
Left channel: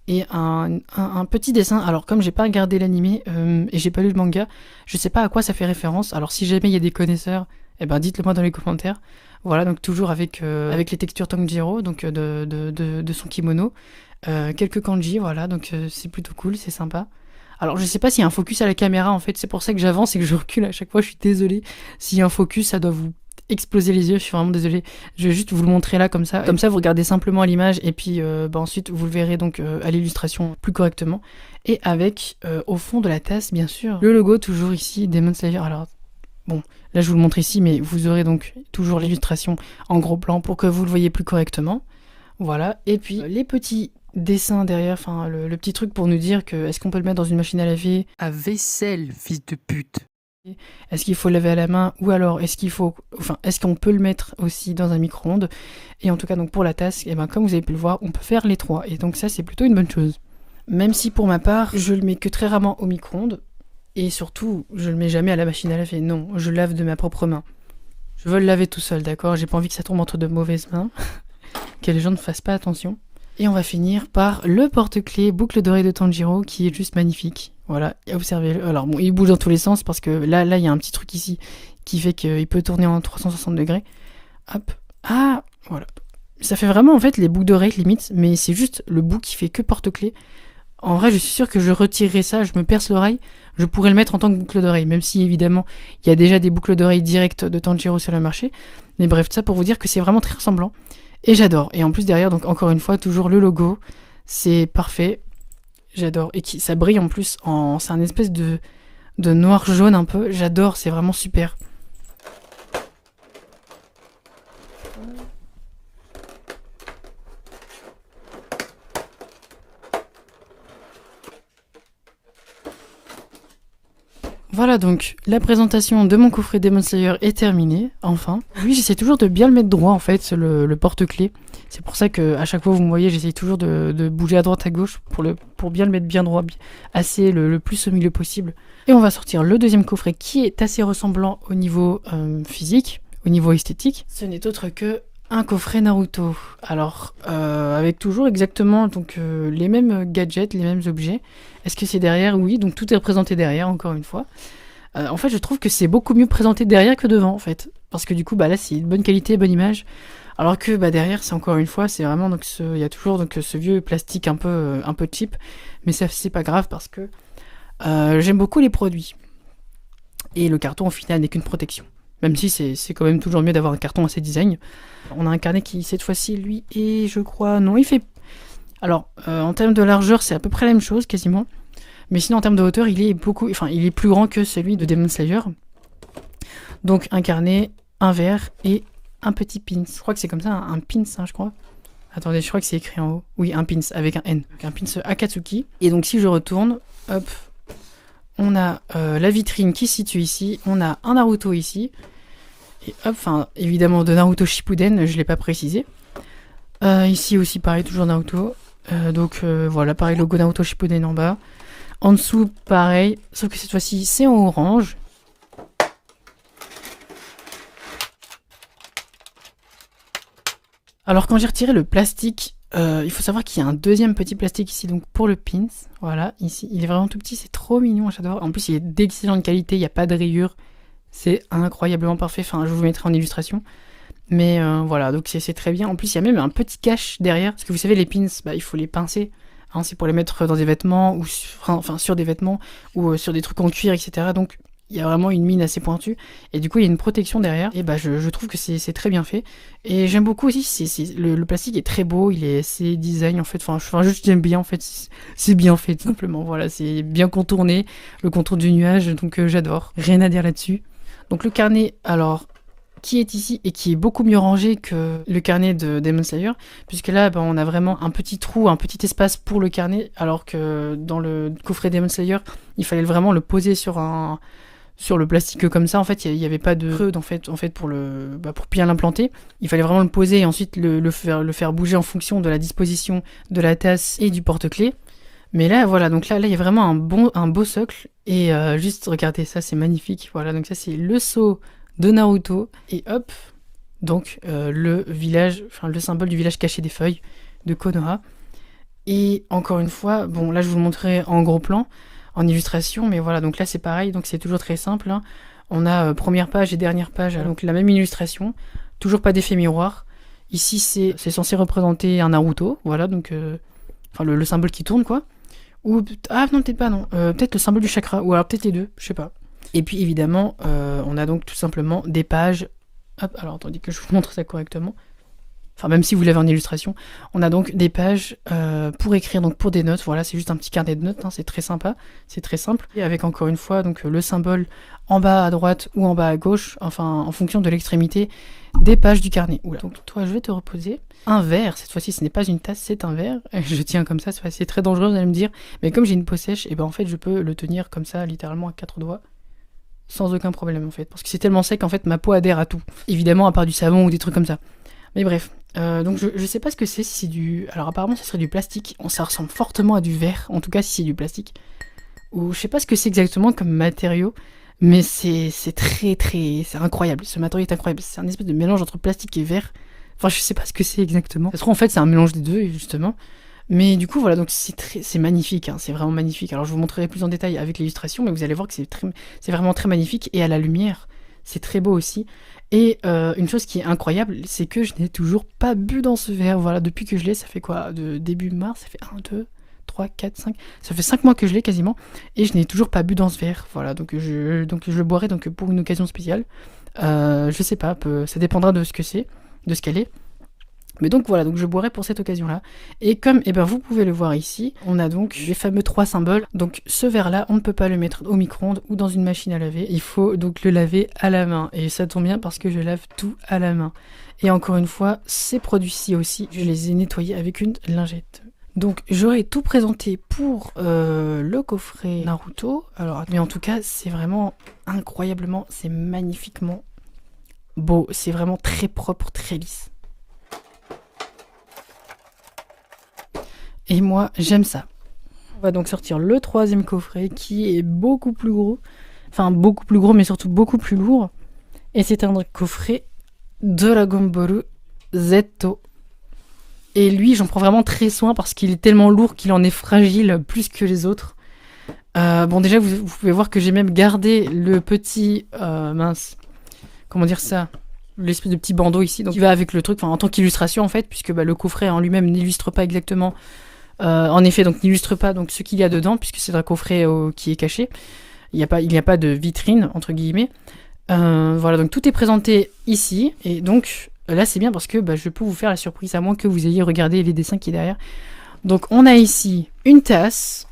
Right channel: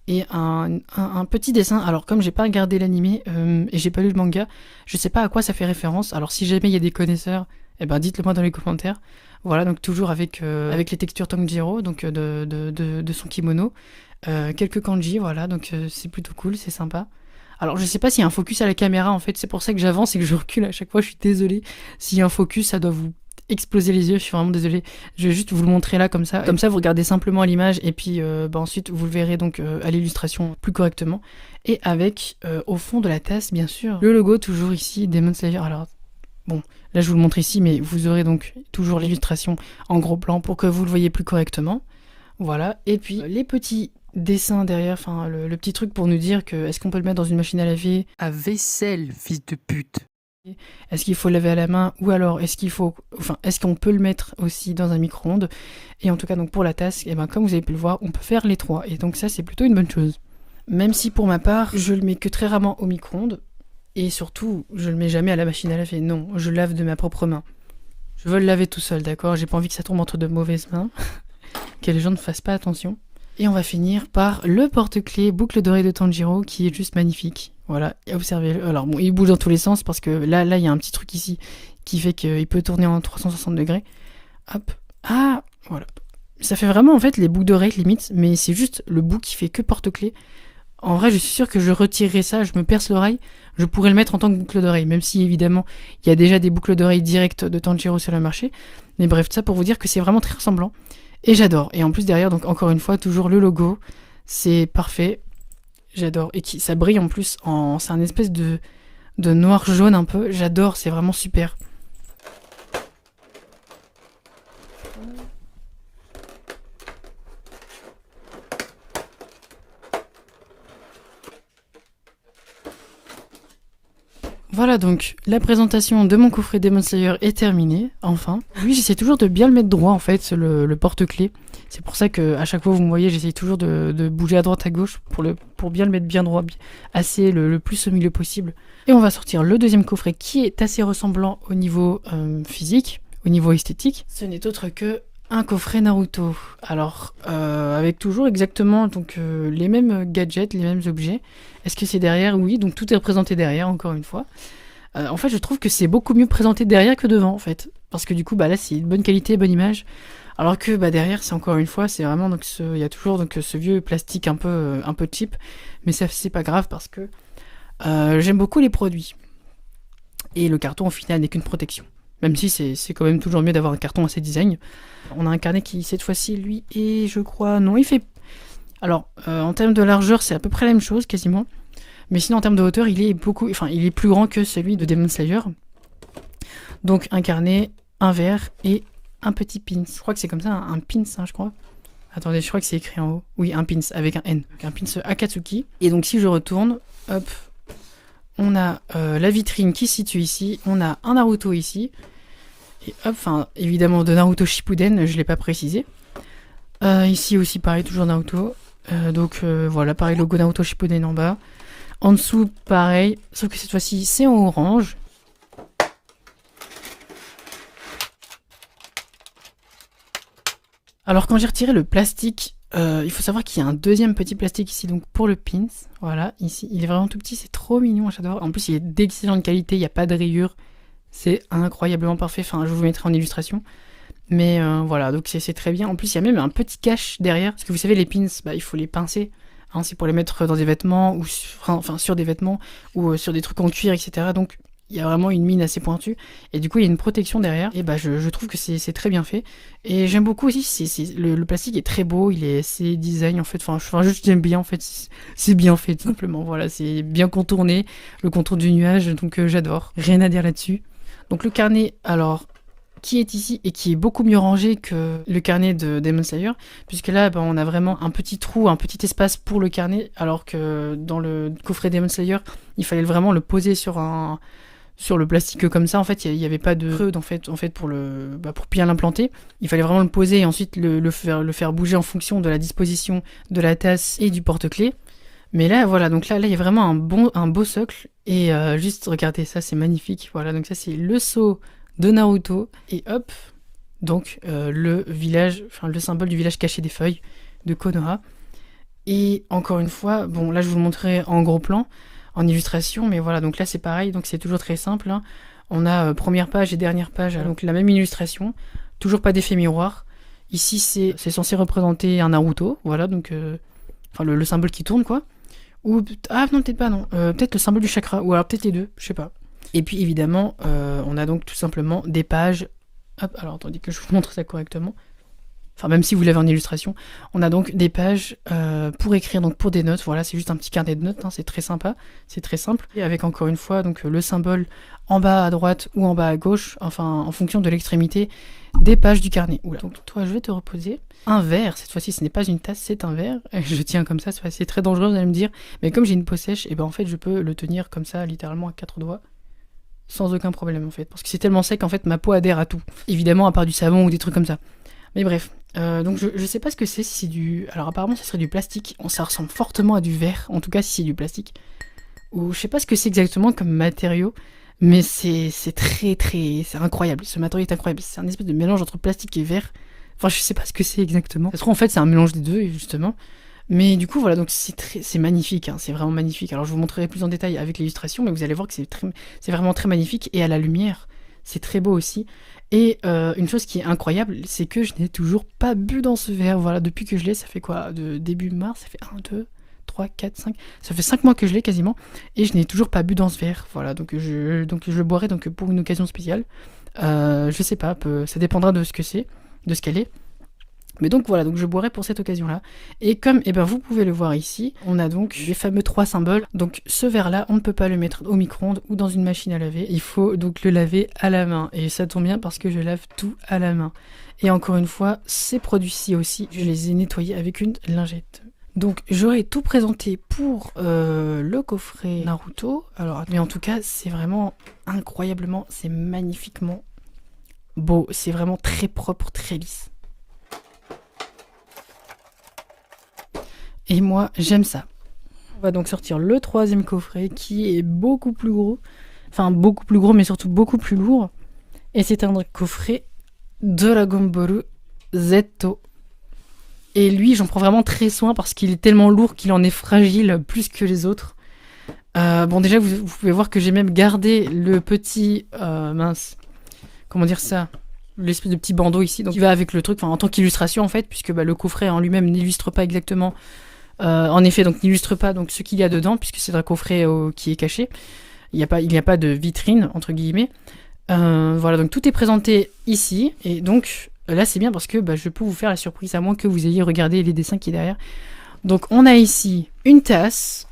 Et un petit dessin. Alors, comme j'ai pas regardé l'animé et j'ai pas lu le manga, je sais pas à quoi ça fait référence. Alors, si jamais il y a des connaisseurs, eh ben, dites-le moi dans les commentaires. Voilà, donc toujours avec les textures Tanjiro, donc de son kimono. Quelques kanji, voilà, donc c'est plutôt cool, c'est sympa. Alors je sais pas s'il y a un focus à la caméra en fait, c'est pour ça que j'avance et que je recule à chaque fois, je suis désolée. S'il y a un focus, ça doit vous exploser les yeux, je suis vraiment désolée. Je vais juste vous le montrer là comme ça vous regardez simplement l'image et puis ensuite vous le verrez donc à l'illustration plus correctement. Et avec au fond de la tasse bien sûr, le logo toujours ici, Demon Slayer. Alors bon, là je vous le montre ici, mais vous aurez donc toujours l'illustration en gros plan pour que vous le voyez plus correctement. Voilà, et puis les petits dessin derrière, enfin le petit truc pour nous dire que est-ce qu'on peut le mettre dans une machine à laver à vaisselle, fils de pute. Est-ce qu'il faut le laver à la main ou alors est-ce qu'on peut le mettre aussi dans un micro-ondes. Et en tout cas donc pour la tasse, et ben comme vous avez pu le voir, on peut faire les trois et donc ça c'est plutôt une bonne chose. Même si pour ma part, je le mets que très rarement au micro-ondes et surtout, je le mets jamais à la machine à laver. Non, je le lave de ma propre main. Je veux le laver tout seul, d'accord? J'ai pas envie que ça tombe entre de mauvaises mains. Que les gens ne fassent pas attention. Et on va finir par le porte-clés boucle dorée de Tanjiro qui est juste magnifique. Voilà, observez-le. Alors bon, il bouge dans tous les sens parce que là il y a un petit truc ici qui fait qu'il peut tourner en 360 degrés. Hop. Ah, voilà. Ça fait vraiment en fait les boucles d'oreilles limite, mais c'est juste le bout qui fait que porte-clés. En vrai, je suis sûr que je retirerais ça, je me perce l'oreille, je pourrais le mettre en tant que boucle d'oreille, même si évidemment il y a déjà des boucles d'oreilles directes de Tanjiro sur le marché. Mais bref, ça pour vous dire que c'est vraiment très ressemblant. Et j'adore. Et en plus derrière, donc encore une fois, toujours le logo. C'est parfait. J'adore. Et ça brille en plus. C'est un espèce de noir jaune un peu. J'adore. C'est vraiment super. Voilà donc, la présentation de mon coffret Demon Slayer est terminée, enfin. Oui, j'essaie toujours de bien le mettre droit en fait, le porte-clés. C'est pour ça que à chaque fois vous me voyez, j'essaie toujours de bouger à droite à gauche pour bien le mettre bien droit, assez le plus au milieu possible. Et on va sortir le deuxième coffret qui est assez ressemblant au niveau physique, au niveau esthétique. Ce n'est autre que un coffret Naruto. Alors, avec toujours exactement donc les mêmes gadgets, les mêmes objets. Est-ce que c'est derrière? Oui, donc tout est représenté derrière, encore une fois. En fait, je trouve que c'est beaucoup mieux présenté derrière que devant, en fait. Parce que du coup, là, c'est une bonne qualité, bonne image. Alors que derrière, c'est encore une fois, c'est vraiment donc il y a toujours donc ce vieux plastique un peu cheap. Mais ça, c'est pas grave parce que j'aime beaucoup les produits. Et le carton, au final, n'est qu'une protection. Même si c'est quand même toujours mieux d'avoir un carton assez design. On a un carnet qui, cette fois-ci, lui, et je crois... Non, il fait... Alors, en termes de largeur, c'est à peu près la même chose, quasiment. Mais sinon, en termes de hauteur, il est plus grand que celui de Demon Slayer. Donc, un carnet, un verre et un petit pins. Je crois que c'est comme ça, un pins, hein, je crois. Attendez, je crois que c'est écrit en haut. Oui, un pins, avec un N. Donc, un pins Akatsuki. Et donc, si je retourne, hop, on a la vitrine qui se situe ici. On a un Naruto ici. Et hop, évidemment, de Naruto Shippuden, je ne l'ai pas précisé. Ici aussi, pareil, toujours Naruto. Donc voilà, pareil, logo Naruto Shippuden en bas. En dessous, pareil, sauf que cette fois-ci, c'est en orange. Alors quand j'ai retiré le plastique, il faut savoir qu'il y a un deuxième petit plastique ici, donc pour le pins. Voilà, ici, il est vraiment tout petit, c'est trop mignon, j'adore. En plus, il est d'excellente qualité, il n'y a pas de rayures. C'est incroyablement parfait, enfin, je vous mettrai en illustration. Mais voilà, donc c'est très bien. En plus, il y a même un petit cache derrière, parce que vous savez, les pins, il faut les pincer. Hein, c'est pour les mettre dans des vêtements, ou sur des vêtements, ou sur des trucs en cuir, etc. Donc, il y a vraiment une mine assez pointue. Et du coup, il y a une protection derrière. Et je trouve que c'est très bien fait. Et j'aime beaucoup aussi, le plastique est très beau, il est assez design en fait. Enfin juste j'aime bien en fait. C'est bien fait, tout simplement. Voilà, c'est bien contourné, le contour du nuage, donc j'adore. Rien à dire là-dessus. Donc le carnet, alors, qui est ici et qui est beaucoup mieux rangé que le carnet de Demon Slayer, puisque là on a vraiment un petit trou, un petit espace pour le carnet, alors que dans le coffret Demon Slayer, il fallait vraiment le poser sur le plastique comme ça. En fait, il n'y avait pas de creux en fait pour bien l'implanter. Il fallait vraiment le poser et ensuite le faire bouger en fonction de la disposition de la tasse et du porte-clés. Mais là, voilà, donc là, il y a vraiment un beau socle. Et juste, regardez, ça, c'est magnifique. Voilà, donc ça, c'est le sceau de Naruto. Et hop, donc le symbole du village caché des feuilles de Konoha. Et encore une fois, bon, là, je vous le montrerai en gros plan, en illustration. Mais voilà, donc là, c'est pareil. Donc c'est toujours très simple. Hein. On a première page et dernière page, donc la même illustration. Toujours pas d'effet miroir. Ici, c'est censé représenter un Naruto. Voilà, donc le symbole qui tourne, quoi. Ou non, peut-être pas, non. Peut-être le symbole du chakra, ou alors peut-être les deux, je sais pas. Et puis évidemment, on a donc tout simplement des pages. Hop, alors attendez que je vous montre ça correctement. Enfin, même si vous l'avez en illustration, on a donc des pages pour écrire, donc pour des notes. Voilà, c'est juste un petit carnet de notes, hein, c'est très sympa, c'est très simple. Et avec encore une fois donc le symbole en bas à droite ou en bas à gauche, enfin en fonction de l'extrémité des pages du carnet. Oula. Donc toi, je vais te reposer. Un verre, cette fois-ci ce n'est pas une tasse, c'est un verre. Je tiens comme ça, c'est très dangereux, vous allez me dire. Mais comme j'ai une peau sèche, et ben en fait je peux le tenir comme ça, littéralement à 4 doigts. Sans aucun problème en fait. Parce que c'est tellement sec en fait, ma peau adhère à tout. Évidemment, à part du savon ou des trucs comme ça. Mais bref. Donc je sais pas ce que c'est, si c'est du... Alors apparemment ça serait du plastique. Ça ressemble fortement à du verre, en tout cas si c'est du plastique. Ou je sais pas ce que c'est exactement comme matériau. Mais c'est très très... C'est incroyable. Ce matériau est incroyable. C'est un espèce de mélange entre plastique et verre. Enfin, je sais pas ce que c'est exactement. Ça se trouve, en fait, c'est un mélange des deux, justement. Mais du coup, voilà, donc c'est magnifique, hein, c'est vraiment magnifique. Alors, je vous montrerai plus en détail avec l'illustration, mais vous allez voir que c'est vraiment très magnifique. Et à la lumière, c'est très beau aussi. Et une chose qui est incroyable, c'est que je n'ai toujours pas bu dans ce verre. Voilà, depuis que je l'ai, ça fait quoi? De début mars, ça fait 1, 2, 3, 4, 5... Ça fait 5 mois que je l'ai quasiment. Et je n'ai toujours pas bu dans ce verre. Voilà, donc je le boirai donc, pour une occasion spéciale. Je sais pas, ça dépendra de ce que c'est, de ce qu'elle est. Mais donc voilà, donc je boirai pour cette occasion-là. Et comme vous pouvez le voir ici, on a donc les fameux 3 symboles. Donc ce verre-là, on ne peut pas le mettre au micro-ondes ou dans une machine à laver. Il faut donc le laver à la main. Et ça tombe bien parce que je lave tout à la main. Et encore une fois, ces produits-ci aussi, je les ai nettoyés avec une lingette. Donc j'aurais tout présenté pour le coffret Naruto. Alors, mais en tout cas, c'est vraiment incroyablement, c'est magnifiquement beau. C'est vraiment très propre, très lisse. Et moi, j'aime ça. On va donc sortir le 3e coffret qui est beaucoup plus gros. Enfin, beaucoup plus gros, mais surtout beaucoup plus lourd. Et c'est un coffret Dragon Ball Z. Et lui, j'en prends vraiment très soin parce qu'il est tellement lourd qu'il en est fragile plus que les autres. Bon, déjà, vous pouvez voir que j'ai même gardé le petit... comment dire ça, l'espèce de petit bandeau ici, donc qui va avec le truc, en tant qu'illustration en fait, puisque le coffret en lui-même n'illustre pas exactement... en effet, donc n'illustre pas donc ce qu'il y a dedans, puisque c'est un coffret qui est caché. Il n'y a pas de vitrine, entre guillemets. Voilà, donc tout est présenté ici. Et donc, là, c'est bien parce que je peux vous faire la surprise, à moins que vous ayez regardé les dessins qui est derrière. Donc, on a ici une tasse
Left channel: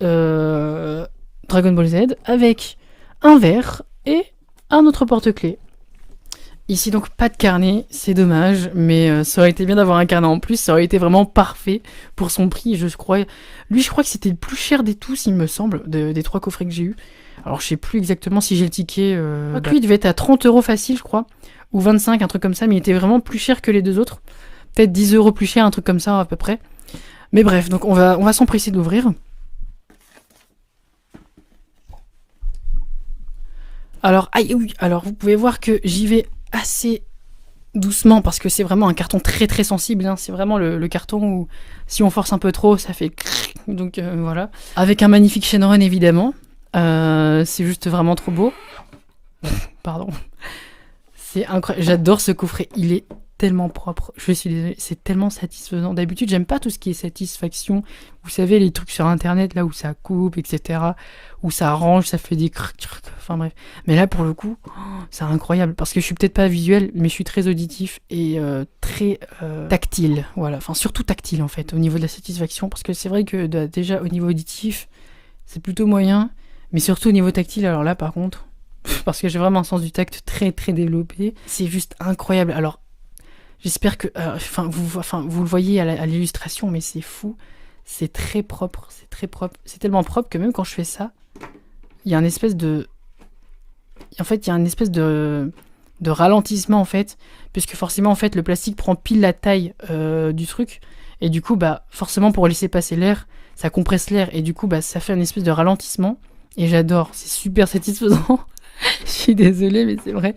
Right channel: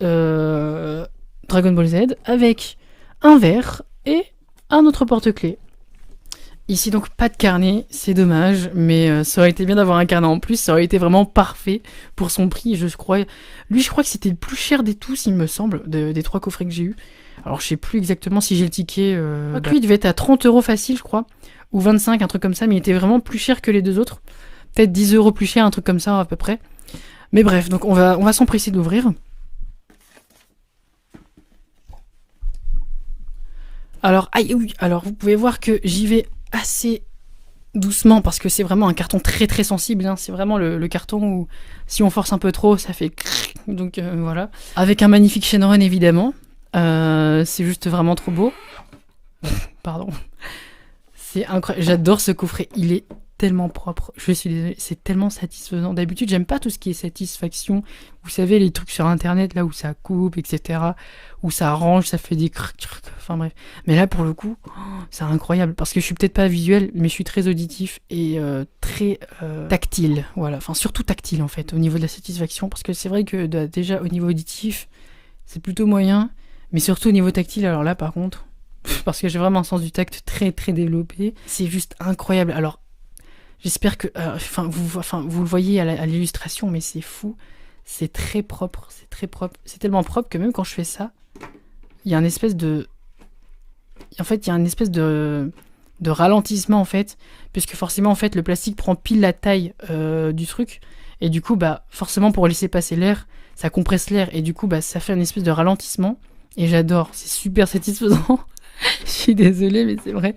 Dragon Ball Z avec un verre et un autre porte-clés. Ici donc pas de carnet, c'est dommage, mais ça aurait été bien d'avoir un carnet en plus, ça aurait été vraiment parfait pour son prix, je crois. Lui, je crois que c'était le plus cher des tous, il me semble, des 3 coffrets que j'ai eu. Alors je sais plus exactement si j'ai le ticket. Lui, il devait être à 30 € facile, je crois, ou 25, un truc comme ça, mais il était vraiment plus cher que les 2 autres. Peut-être 10 € plus cher, un truc comme ça à peu près. Mais bref, donc on va s'empresser d'ouvrir. Alors, oui, alors vous pouvez voir que j'y vais assez doucement parce que c'est vraiment un carton très très sensible, hein. C'est vraiment le carton où si on force un peu trop ça fait donc voilà, avec un magnifique Shenron évidemment. C'est juste vraiment trop beau. Pardon, c'est incroyable, j'adore ce coffret, il est tellement propre, je suis désolée, c'est tellement satisfaisant. D'habitude j'aime pas tout ce qui est satisfaction, vous savez les trucs sur internet là où ça coupe etc, où ça arrange, ça fait des enfin bref. Mais là pour le coup, c'est incroyable parce que je suis peut-être pas visuel, mais je suis très auditif et très tactile. Voilà, enfin surtout tactile en fait au niveau de la satisfaction, parce que c'est vrai que déjà au niveau auditif, c'est plutôt moyen, mais surtout au niveau tactile, alors là par contre, parce que j'ai vraiment un sens du tact très très développé, c'est juste incroyable. Alors j'espère que, vous le voyez à l'illustration, mais c'est fou, c'est très propre, c'est tellement propre que même quand je fais ça, il y a une espèce de ralentissement en fait, puisque forcément en fait le plastique prend pile la taille du truc, et du coup bah forcément pour laisser passer l'air, ça compresse l'air, et du coup bah ça fait une espèce de ralentissement, et j'adore, c'est super satisfaisant. Je suis désolée mais c'est vrai.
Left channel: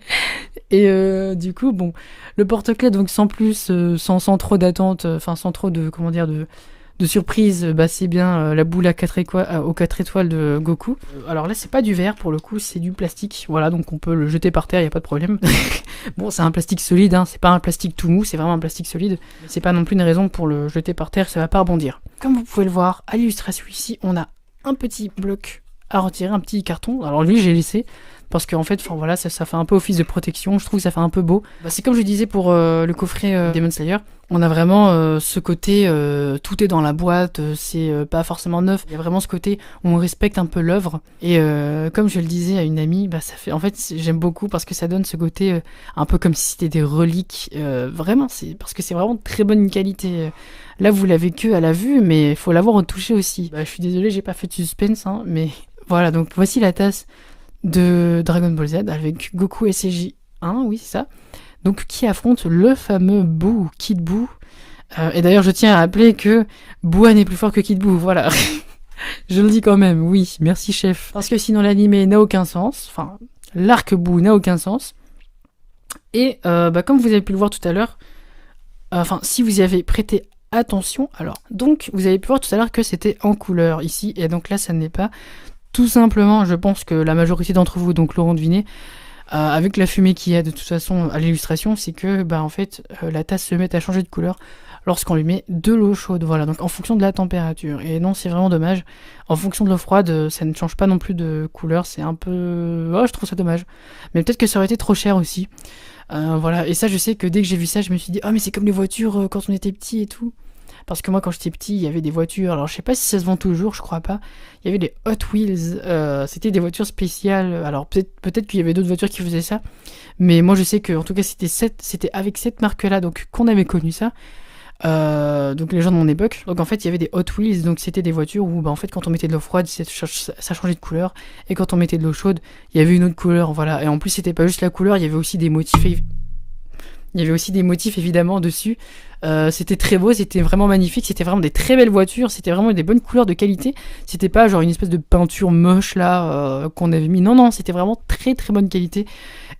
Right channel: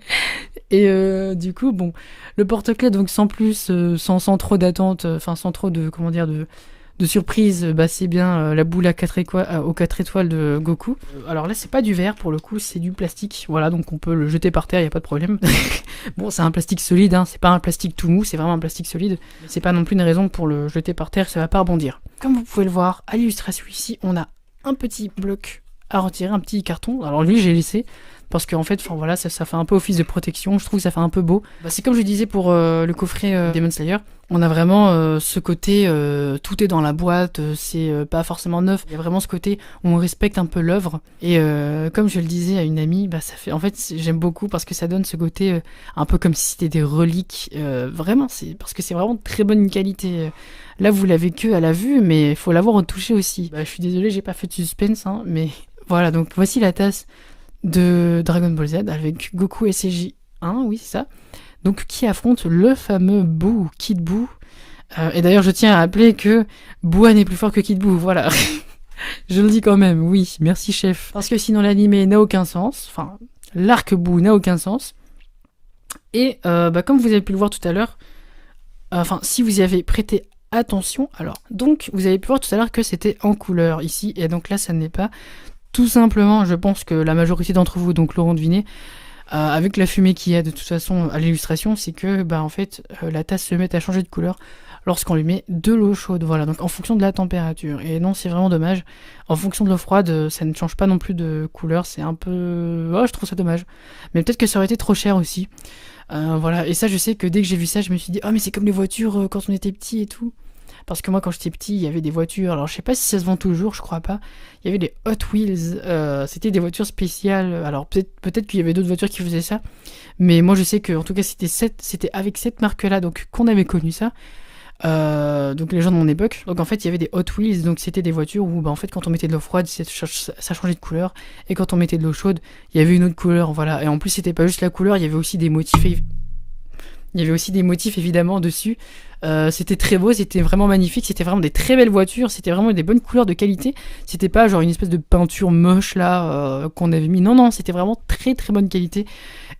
Et du coup bon, le porte-clés donc sans plus, sans trop d'attente, sans trop de de surprise, bah c'est bien la boule à 4 aux 4 étoiles de Goku. Alors là c'est pas du verre pour le coup, c'est du plastique, voilà, donc on peut le jeter par terre, y a pas de problème. Bon, c'est un plastique solide, hein, c'est pas un plastique tout mou, c'est vraiment un plastique solide, c'est pas non plus une raison pour le jeter par terre, ça va pas rebondir. Comme vous pouvez le voir à l'illustration ici, on a un petit bloc à retirer, un petit carton, alors lui j'ai laissé parce qu'en fait, voilà, ça fait un peu office de protection, je trouve que ça fait un peu beau. Bah, c'est comme je disais pour le coffret Demon Slayer, on a vraiment ce côté, tout est dans la boîte, c'est pas forcément neuf, il y a vraiment ce côté où on respecte un peu l'œuvre, et comme je le disais à une amie, bah ça fait, en fait j'aime beaucoup parce que ça donne ce côté un peu comme si c'était des reliques, vraiment, c'est parce que c'est vraiment de très bonne qualité. Là vous l'avez que à la vue, mais il faut l'avoir au toucher aussi. Bah, je suis désolée, j'ai pas fait de suspense, hein, mais voilà, donc voici la tasse de Dragon Ball Z avec Goku SCJ1, oui c'est ça, donc qui affronte le fameux Boo, Kid Boo, et d'ailleurs je tiens à rappeler que Boo n'est plus fort que Kid Boo, voilà. Je le dis quand même, oui, merci chef, parce que sinon l'anime n'a aucun sens, enfin l'arc Boo n'a aucun sens, et comme vous avez pu le voir tout à l'heure, si vous y avez prêté attention, alors donc vous avez pu voir tout à l'heure que c'était en couleur ici, et donc là ça ne l'est pas. Tout simplement, je pense que la majorité d'entre vous donc l'auront deviné, avec la fumée qu'il y a de toute façon à l'illustration, c'est que en fait la tasse se met à changer de couleur lorsqu'on lui met de l'eau chaude, voilà, donc en fonction de la température. Et non, c'est vraiment dommage, en fonction de l'eau froide, ça ne change pas non plus de couleur, c'est un peu... je trouve ça dommage. Mais peut-être que ça aurait été trop cher aussi. Voilà, et ça je sais que dès que j'ai vu ça, je me suis dit, mais c'est comme les voitures quand on était petit et tout. Parce que moi quand j'étais petit, il y avait des voitures, alors je sais pas si ça se vend toujours, je crois pas. Il y avait des Hot Wheels, c'était des voitures spéciales, alors peut-être qu'il y avait d'autres voitures qui faisaient ça, mais moi je sais que en tout cas c'était avec cette marque-là donc qu'on avait connu ça, donc les gens de mon époque. Donc en fait il y avait des Hot Wheels, donc c'était des voitures où en fait quand on mettait de l'eau froide ça changeait de couleur, et quand on mettait de l'eau chaude il y avait une autre couleur, voilà. Et en plus c'était pas juste la couleur, il y avait aussi des motifs évidemment dessus. C'était très beau, c'était vraiment magnifique, c'était vraiment des très belles voitures, c'était vraiment des bonnes couleurs de qualité, c'était pas genre une espèce de peinture moche là qu'on avait mis, non, c'était vraiment très très bonne qualité.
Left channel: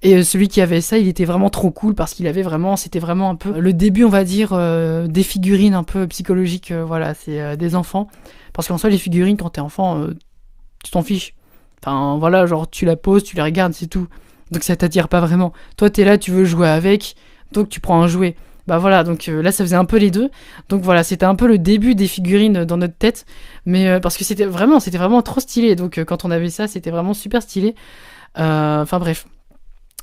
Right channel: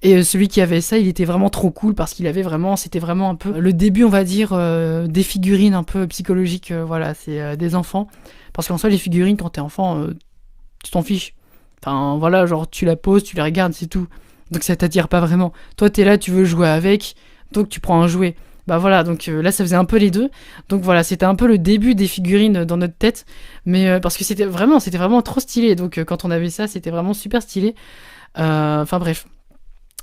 Et celui qui avait ça, il était vraiment trop cool parce qu'il avait vraiment, c'était vraiment un peu le début on va dire des figurines un peu psychologiques, voilà, c'est des enfants, parce qu'en soi les figurines quand t'es enfant, tu t'en fiches, enfin voilà, genre tu la poses, tu la regardes, c'est tout, donc ça t'attire pas vraiment. Toi t'es là, tu veux jouer avec, donc tu prends un jouet. Bah voilà, donc là ça faisait un peu les deux. Donc voilà, c'était un peu le début des figurines dans notre tête, mais parce que c'était vraiment trop stylé. Donc quand on avait ça, c'était vraiment super stylé. Bref.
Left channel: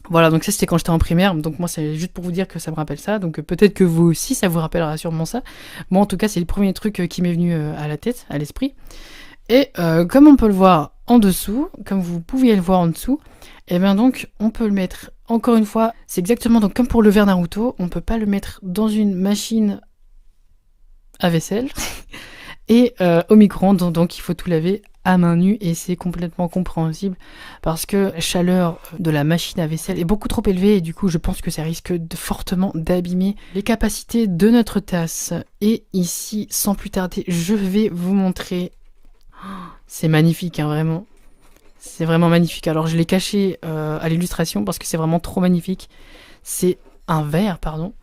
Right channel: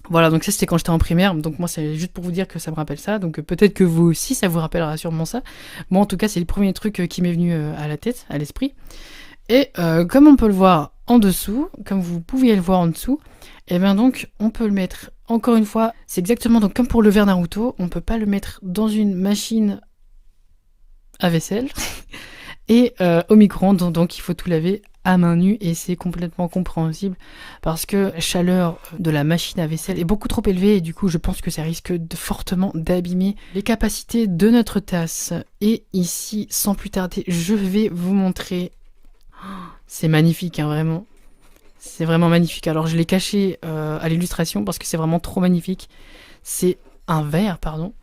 Voilà, donc ça c'était quand j'étais en primaire. Donc moi c'est juste pour vous dire que ça me rappelle ça. Donc peut-être que vous aussi ça vous rappellera sûrement ça. Moi en tout cas c'est le premier truc qui m'est venu à la tête, à l'esprit. Et comme on peut le voir en dessous, comme vous pouviez le voir en dessous, et bien donc on peut le mettre, encore une fois, c'est exactement donc comme pour le verre Naruto, on peut pas le mettre dans une machine à vaisselle et au micro-ondes, donc il faut tout laver à main nue, et c'est complètement compréhensible parce que la chaleur de la machine à vaisselle est beaucoup trop élevée, et du coup je pense que ça risque fortement d'abîmer les capacités de notre tasse. Et ici, sans plus tarder, je vais vous montrer. C'est magnifique, hein, vraiment. C'est vraiment magnifique. Alors je l'ai caché à l'illustration parce que c'est vraiment trop magnifique. C'est un vert, pardon,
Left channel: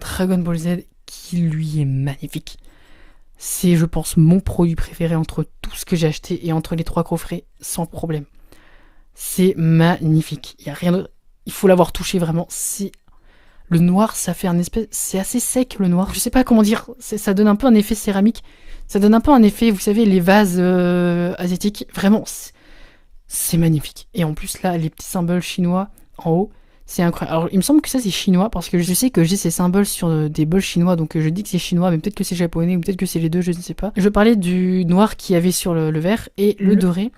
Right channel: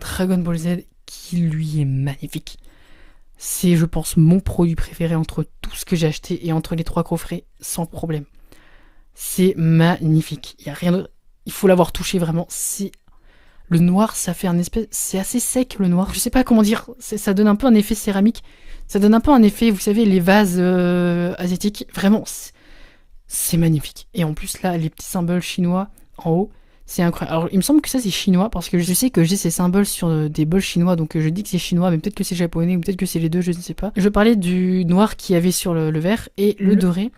Dragon Ball Z, qui lui est magnifique. C'est, je pense, mon produit préféré entre tout ce que j'ai acheté et entre les 3 coffrets, sans problème. C'est magnifique. Il y a rien de... Il faut l'avoir touché vraiment. C'est le noir, ça fait un espèce... C'est assez sec le noir. Je sais pas comment dire. Ça donne un peu un effet céramique. Ça donne un peu un effet, vous savez, les vases asiatiques. Vraiment, c'est magnifique. Et en plus là, les petits symboles chinois en haut, c'est incroyable. Alors il me semble que ça c'est chinois parce que je sais que j'ai ces symboles sur des bols chinois, donc je dis que c'est chinois, mais peut-être que c'est japonais ou peut-être que c'est les deux, je ne sais pas. Je parlais du noir qu'il y avait sur le vert et le doré.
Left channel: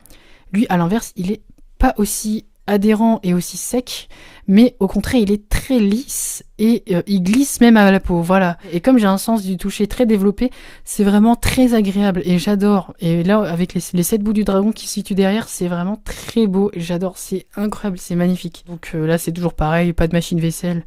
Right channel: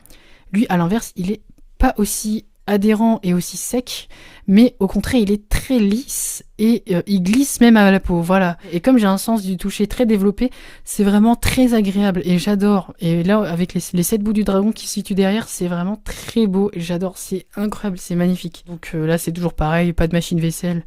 Lui, à l'inverse, il est pas aussi adhérent et aussi sec, mais au contraire il est très lisse et il glisse même à la peau, voilà. Et comme j'ai un sens du toucher très développé, c'est vraiment très agréable et j'adore. Et là avec les 7 bouts du dragon qui se situent derrière, c'est vraiment très beau et j'adore, c'est incroyable, c'est magnifique. Donc là c'est toujours pareil, pas de machine vaisselle,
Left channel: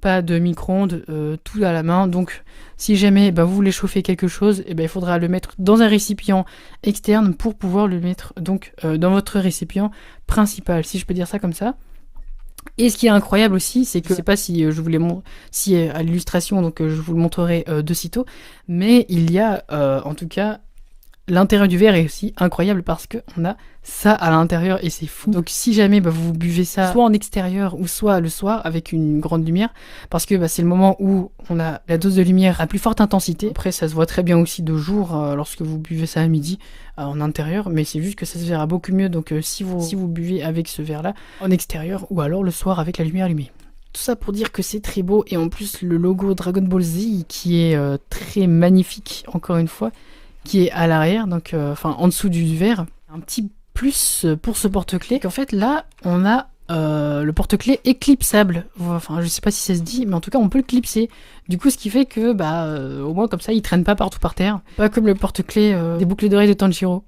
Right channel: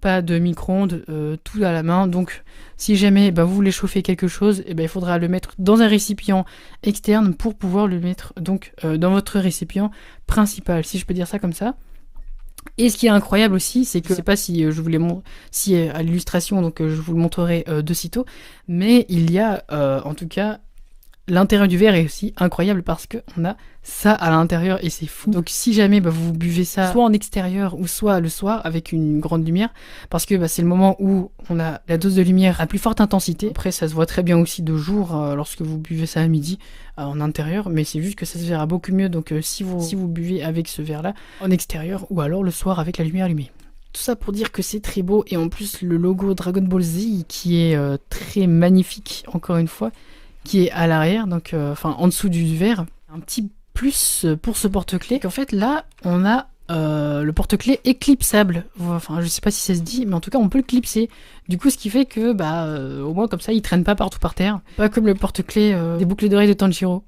pas de micro-ondes, tout à la main. Donc si jamais vous voulez chauffer quelque chose, il faudra le mettre dans un récipient externe pour pouvoir le mettre donc dans votre récipient principal, si je peux dire ça comme ça. Et ce qui est incroyable aussi, c'est que je sais pas si je voulais si à l'illustration, donc je vous le montrerai de sitôt, mais il y a en tout cas l'intérieur du verre est aussi incroyable parce que on a ça à l'intérieur et c'est fou. Donc si jamais vous buvez ça soit en extérieur ou soit le soir avec une grande lumière, parce que c'est le moment où on a la dose de lumière à plus forte intensité. Après ça se voit très bien aussi de jour lorsque vous buvez ça à midi en intérieur, mais c'est juste que ça se verra beaucoup mieux. Donc si vous buvez avec ce verre là en extérieur ou alors le soir avec la lumière allumée. Tout ça pour dire que c'est très beau et en plus le logo Dragon Ball Z qui est très magnifique encore une fois, qui est à l'arrière, donc en dessous du verre. Un petit plus pour ce porte-clés, qu'en fait là on a le porte-clés éclipsable. Enfin je sais pas si ça se dit, mais en tout cas on peut le clipser. Du coup ce qui fait que au moins comme ça il traîne pas partout par terre. Pas comme le porte-clés des boucles d'oreilles de Tanjiro.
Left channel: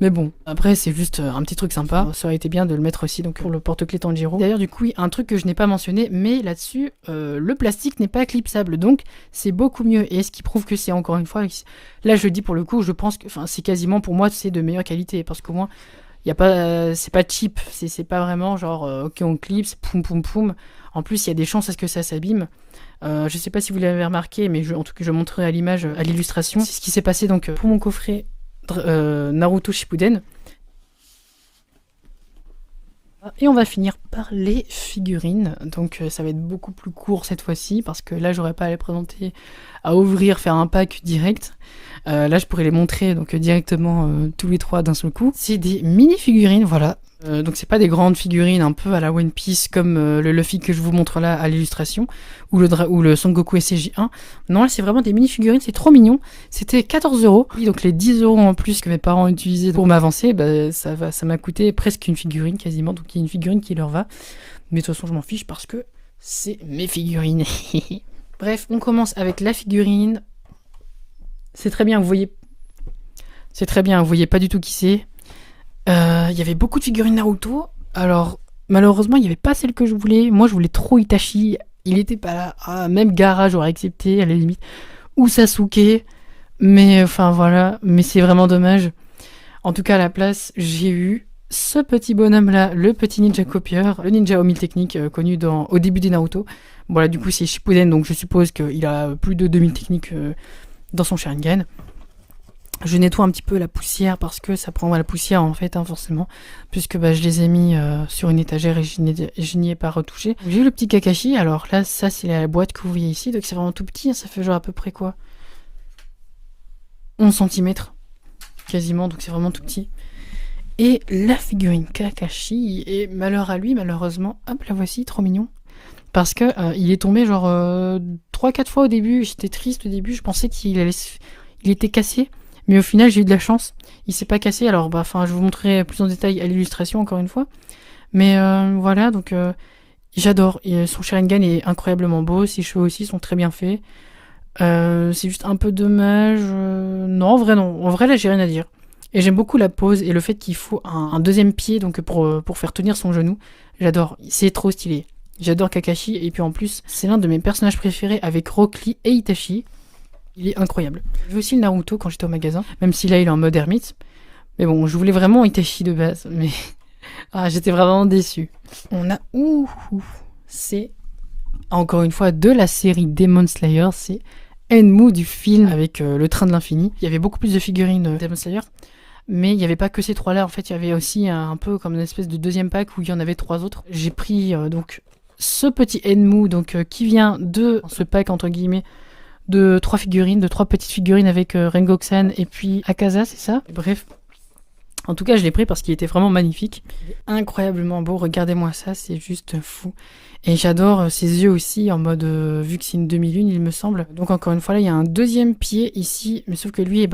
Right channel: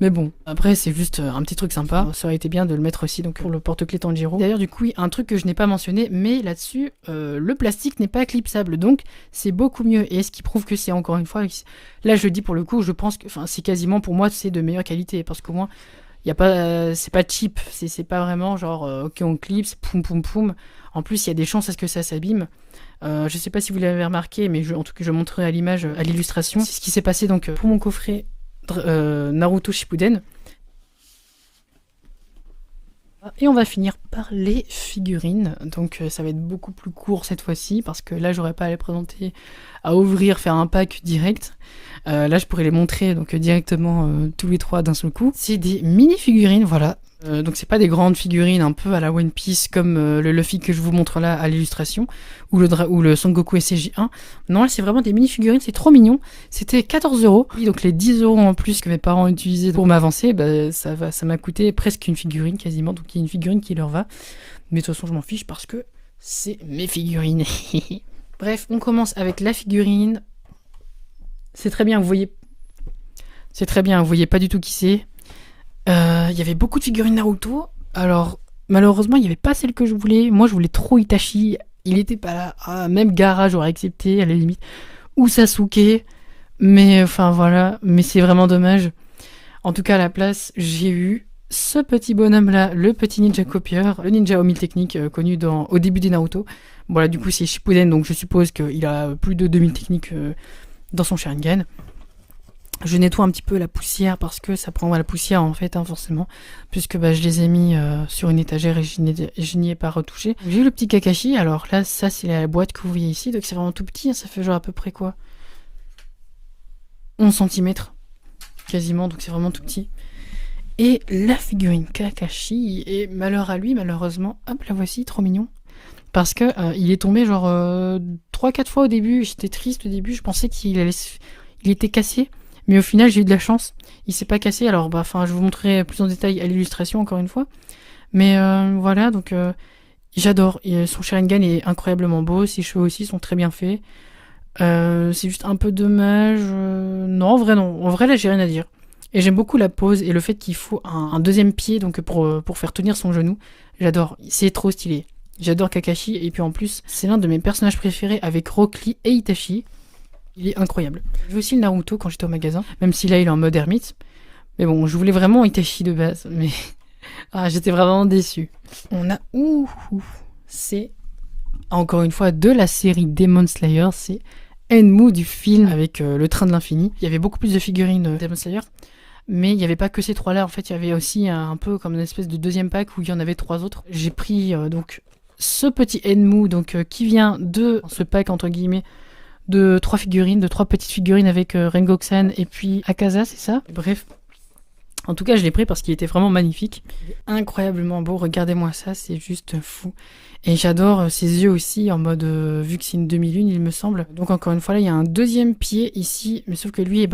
Mais bon, après c'est juste un petit truc sympa. Ça aurait été bien de le mettre aussi donc pour le porte-clés Tanjiro. D'ailleurs du coup, un truc que je n'ai pas mentionné, mais là-dessus, le plastique n'est pas clipsable, donc c'est beaucoup mieux. Et ce qui prouve que c'est encore une fois, là je le dis pour le coup, je pense que c'est quasiment pour moi c'est de meilleure qualité parce qu'au moins y a pas, c'est pas cheap, c'est pas vraiment genre ok on clipse, poum poum poum. En plus il y a des chances à ce que ça s'abîme. Je sais pas si vous l'avez remarqué, mais en tout cas je montrerai à l'image, à l'illustration. C'est ce qui s'est passé donc pour mon coffret Naruto Shippuden. Et on va finir par les figurines. Donc ça va être beaucoup plus court cette fois-ci parce que là j'aurais pas à les présenter, à ouvrir, faire un pack direct. Là je pourrais les montrer donc directement tous les 3 d'un seul coup. C'est des mini figurines, voilà. Donc c'est pas des grandes figurines un peu à la One Piece comme le Luffy que je vous montre là à l'illustration ou le Son Goku SCJ1. Non, là c'est vraiment des mini figurines, c'est trop mignon. C'était 14 €. Donc les 10 € en plus que mes parents ont utilisé pour m'avancer, ça m'a coûté presque une figurine quasiment. Donc il y a une figurine qui leur va. Mais de toute façon je m'en fiche parce que c'est mes figurines. Bref, on commence avec la figurine. C'est très bien, vous voyez. C'est très bien, vous voyez pas du tout qui c'est. Il y avait beaucoup de figurines Naruto. Alors, malheureusement, il n'y avait pas celle que je voulais. Moi, je voulais trop Itachi. Il était pas là. Même Gaara, j'aurais accepté, à la limite. Ou Sasuke. Mais, enfin, voilà. Mais c'est vraiment dommage. En tout cas, à la place, j'ai eu ce petit bonhomme-là, le petit ninja copieur, le ninja aux 1000 techniques, connu au début des Naruto. Voilà, du coup, c'est Shippuden, donc je suppose qu'il a plus de 2000 techniques dans son Sharingan. Je nettoie un petit peu la poussière parce que ça prendra la poussière en fait, forcément, puisque je les ai mis sur une étagère et je n'y ai pas retouché. J'ai eu le petit Kakashi, alors là, ça c'est la boîte que vous voyez ici, donc c'est vraiment tout petit, ça fait genre à peu près quoi 11 cm, quasiment, donc c'est vraiment tout petit. Et la figurine Kakashi, et malheur à lui, malheureusement, hop, la voici, trop mignon. Parce que il est tombé genre 3-4 fois au début, j'étais triste au début, je pensais il était cassé. Mais au final, j'ai eu de la chance. Il s'est pas cassé. Alors, je vous montrerai plus en détail à l'illustration, encore une fois. Mais voilà, donc j'adore. Son Sharingan est incroyablement beau. Ses cheveux aussi sont très bien faits. C'est juste un peu dommage. Non, en vrai, non. En vrai, là, j'ai rien à dire. Et j'aime beaucoup la pose et le fait qu'il faut un deuxième pied donc pour faire tenir son genou. J'adore. C'est trop stylé. J'adore Kakashi. Et puis en plus, c'est l'un de mes personnages préférés avec Rock Lee et Itachi. Il est incroyable. J'ai aussi le Naruto quand j'étais au magasin, même si là il est en mode ermite. Mais bon, je voulais vraiment Itachi de base, mais j'étais vraiment déçue. On a c'est encore une fois, de la série Demon Slayer. C'est Enmu du film avec le train de l'infini. Il y avait beaucoup plus de figurines de Demon Slayer. Mais il n'y avait pas que ces 3-là. En fait, il y avait aussi un peu comme une espèce de deuxième pack où il y en avait 3 autres. J'ai pris donc ce petit Enmu qui vient de ce pack entre guillemets de 3 figurines, de 3 petites figurines avec Rengoku-san et puis Akaza, c'est ça? Bref. En tout cas, je l'ai pris parce qu'il était vraiment magnifique. Incroyablement beau. Regardez-moi ça, c'est juste fou. Et j'adore ses yeux aussi, en mode, vu que c'est une demi-lune, il me semble. Donc encore une fois, là, il y a un deuxième pied ici. Mais sauf que lui,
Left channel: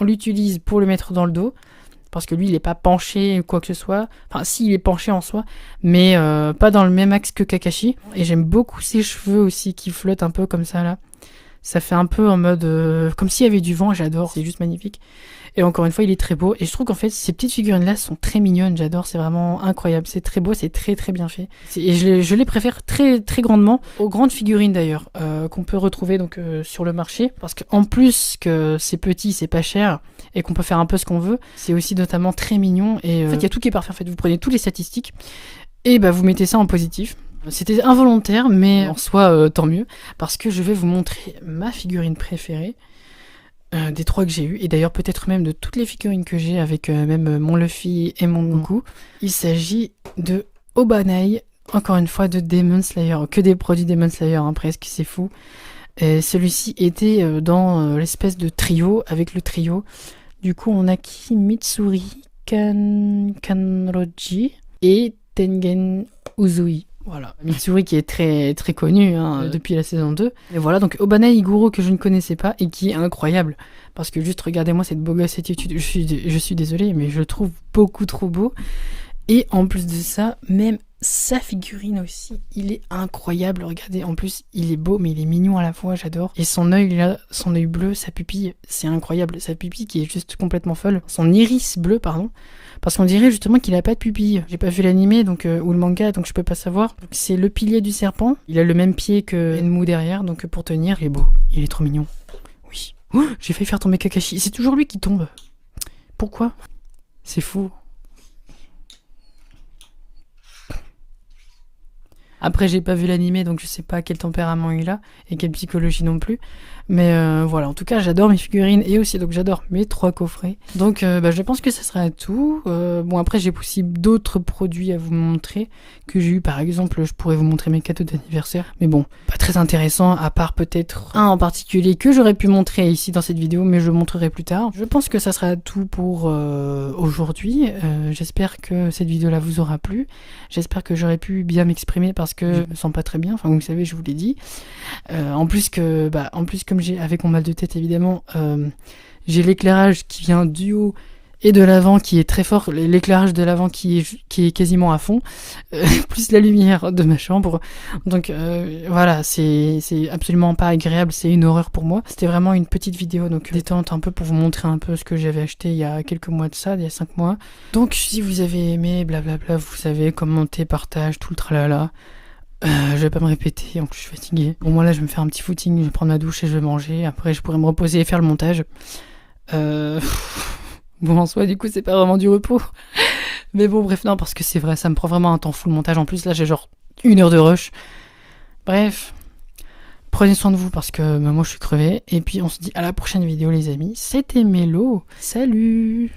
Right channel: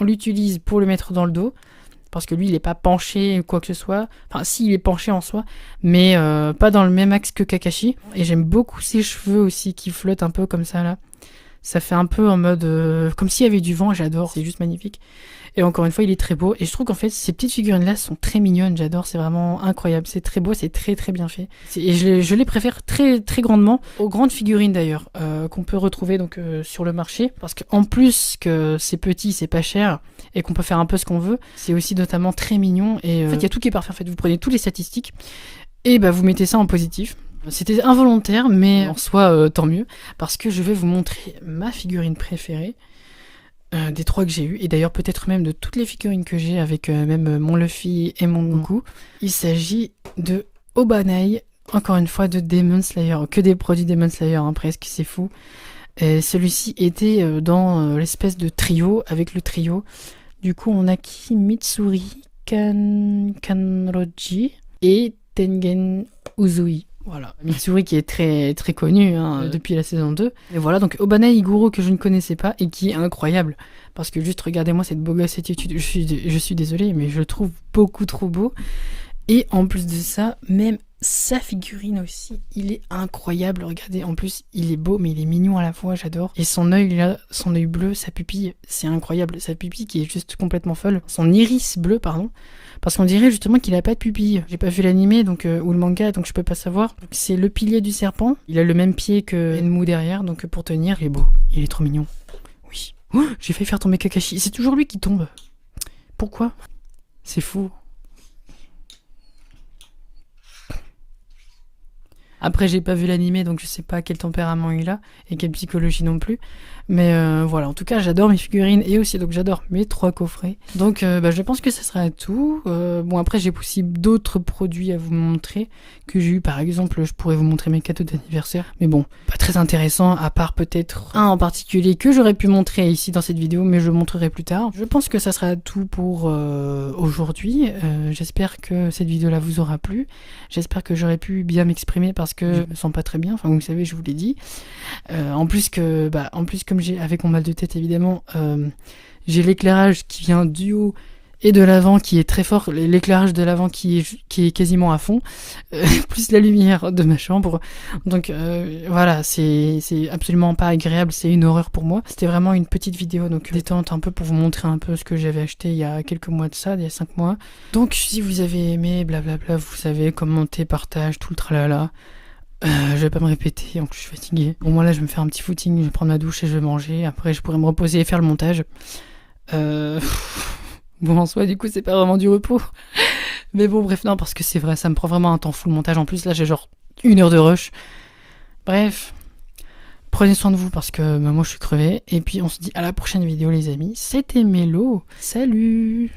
on l'utilise pour le mettre dans le dos. Parce que lui, il n'est pas penché ou quoi que ce soit. Enfin, si, il est penché en soi. Mais pas dans le même axe que Kakashi. Et j'aime beaucoup ses cheveux aussi qui flottent un peu comme ça, là. Ça fait un peu en mode... comme s'il y avait du vent, j'adore. C'est juste magnifique. Et encore une fois, il est très beau. Et je trouve qu'en fait, ces petites figurines-là sont très mignonnes. J'adore, c'est vraiment incroyable. C'est très beau, c'est très très bien fait. Et je les préfère très très grandement aux grandes figurines d'ailleurs, qu'on peut retrouver donc sur le marché. Parce qu'en plus que c'est petit, c'est pas cher, et qu'on peut faire un peu ce qu'on veut, c'est aussi notamment très mignon. Et en fait, il y a tout qui est parfait. En fait, vous prenez toutes les statistiques, et vous mettez ça en positif. C'était involontaire, mais en soi, tant mieux. Parce que je vais vous montrer ma figurine préférée. Des 3 que j'ai eu, et d'ailleurs peut-être même de toutes les figurines que j'ai avec même mon Luffy et mon Goku. Il s'agit de Obanai, encore une fois de Demon Slayer, que des produits Demon Slayer, hein, presque, c'est fou. Celui-ci était dans l'espèce de trio, avec le trio. Du coup on a qui? Mitsuri, Kanroji et Tengen Uzui. Voilà, Mitsuri qui est très très connu depuis la saison 2. Et voilà, donc Obanai Iguro que je ne connaissais pas et qui est incroyable. Parce que juste regardez-moi cette beau gosse attitude. Je suis désolée, mais je le trouve beaucoup trop beau. Et en plus de ça, même sa figurine aussi, il est incroyable. Regardez, en plus, il est beau, mais il est mignon à la fois, j'adore. Et son œil là, son œil bleu, sa pupille, c'est incroyable. Sa pupille qui est juste complètement folle. Son iris bleu, pardon. Parce qu'on dirait justement qu'il a pas de pupille. J'ai pas vu l'animé ou le manga, donc je peux pas savoir. C'est le pilier du serpent. Il a le même pied que Enmu derrière, donc pour tenir, il est beau. Il est trop mignon. Oui. Oh, j'ai failli faire tomber Kakashi. C'est toujours lui qui tombe. Pourquoi? C'est fou. Après, j'ai pas vu l'animé, donc je sais pas quel tempérament il a et quelle psychologie non plus. Mais voilà, en tout cas, j'adore mes figurines et aussi donc j'adore mes 3 coffrets. Donc je pense que ça sera tout. Bon, après, j'ai aussi d'autres produits à vous montrer que j'ai eu. Par exemple, je pourrais vous montrer mes cadeaux d'anniversaire. Mais bon, pas très intéressant, à part peut-être un en particulier que j'aurais pu montrer ici dans cette vidéo, mais je le montrerai plus tard. Je pense que ça sera tout pour aujourd'hui. J'espère que cette vidéo-là vous aura plu. J'espère que j'aurai pu bien m'exprimer parce que je me sens pas très bien. Enfin, vous savez, je vous l'ai dit. En plus, comme j'ai avec mon mal de tête évidemment, j'ai l'éclairage qui vient du haut et de l'avant qui est très fort, l'éclairage de l'avant qui est quasiment à fond, plus la lumière de ma chambre. Donc voilà, c'est absolument pas agréable, c'est une horreur pour moi. C'était vraiment une petite vidéo donc détente un peu pour vous montrer un peu ce que j'avais acheté il y a quelques mois de ça, il y a 5 mois. Donc si vous avez aimé, blablabla, vous savez, commentez, partage, tout le tralala. Je vais pas me répéter, en plus je suis fatiguée. Bon, moi là je vais me faire un petit footing, je vais prendre ma douche et je vais manger. Après je pourrai me reposer et faire le montage. Bon, en soi du coup c'est pas vraiment du repos. Mais bon, bref, non, parce que c'est vrai, ça me prend vraiment un temps fou le montage. En plus là j'ai genre 1 heure de rush. Bref, prenez soin de vous parce que moi je suis crevée. Et puis on se dit à la prochaine vidéo les amis. C'était Mélo, salut!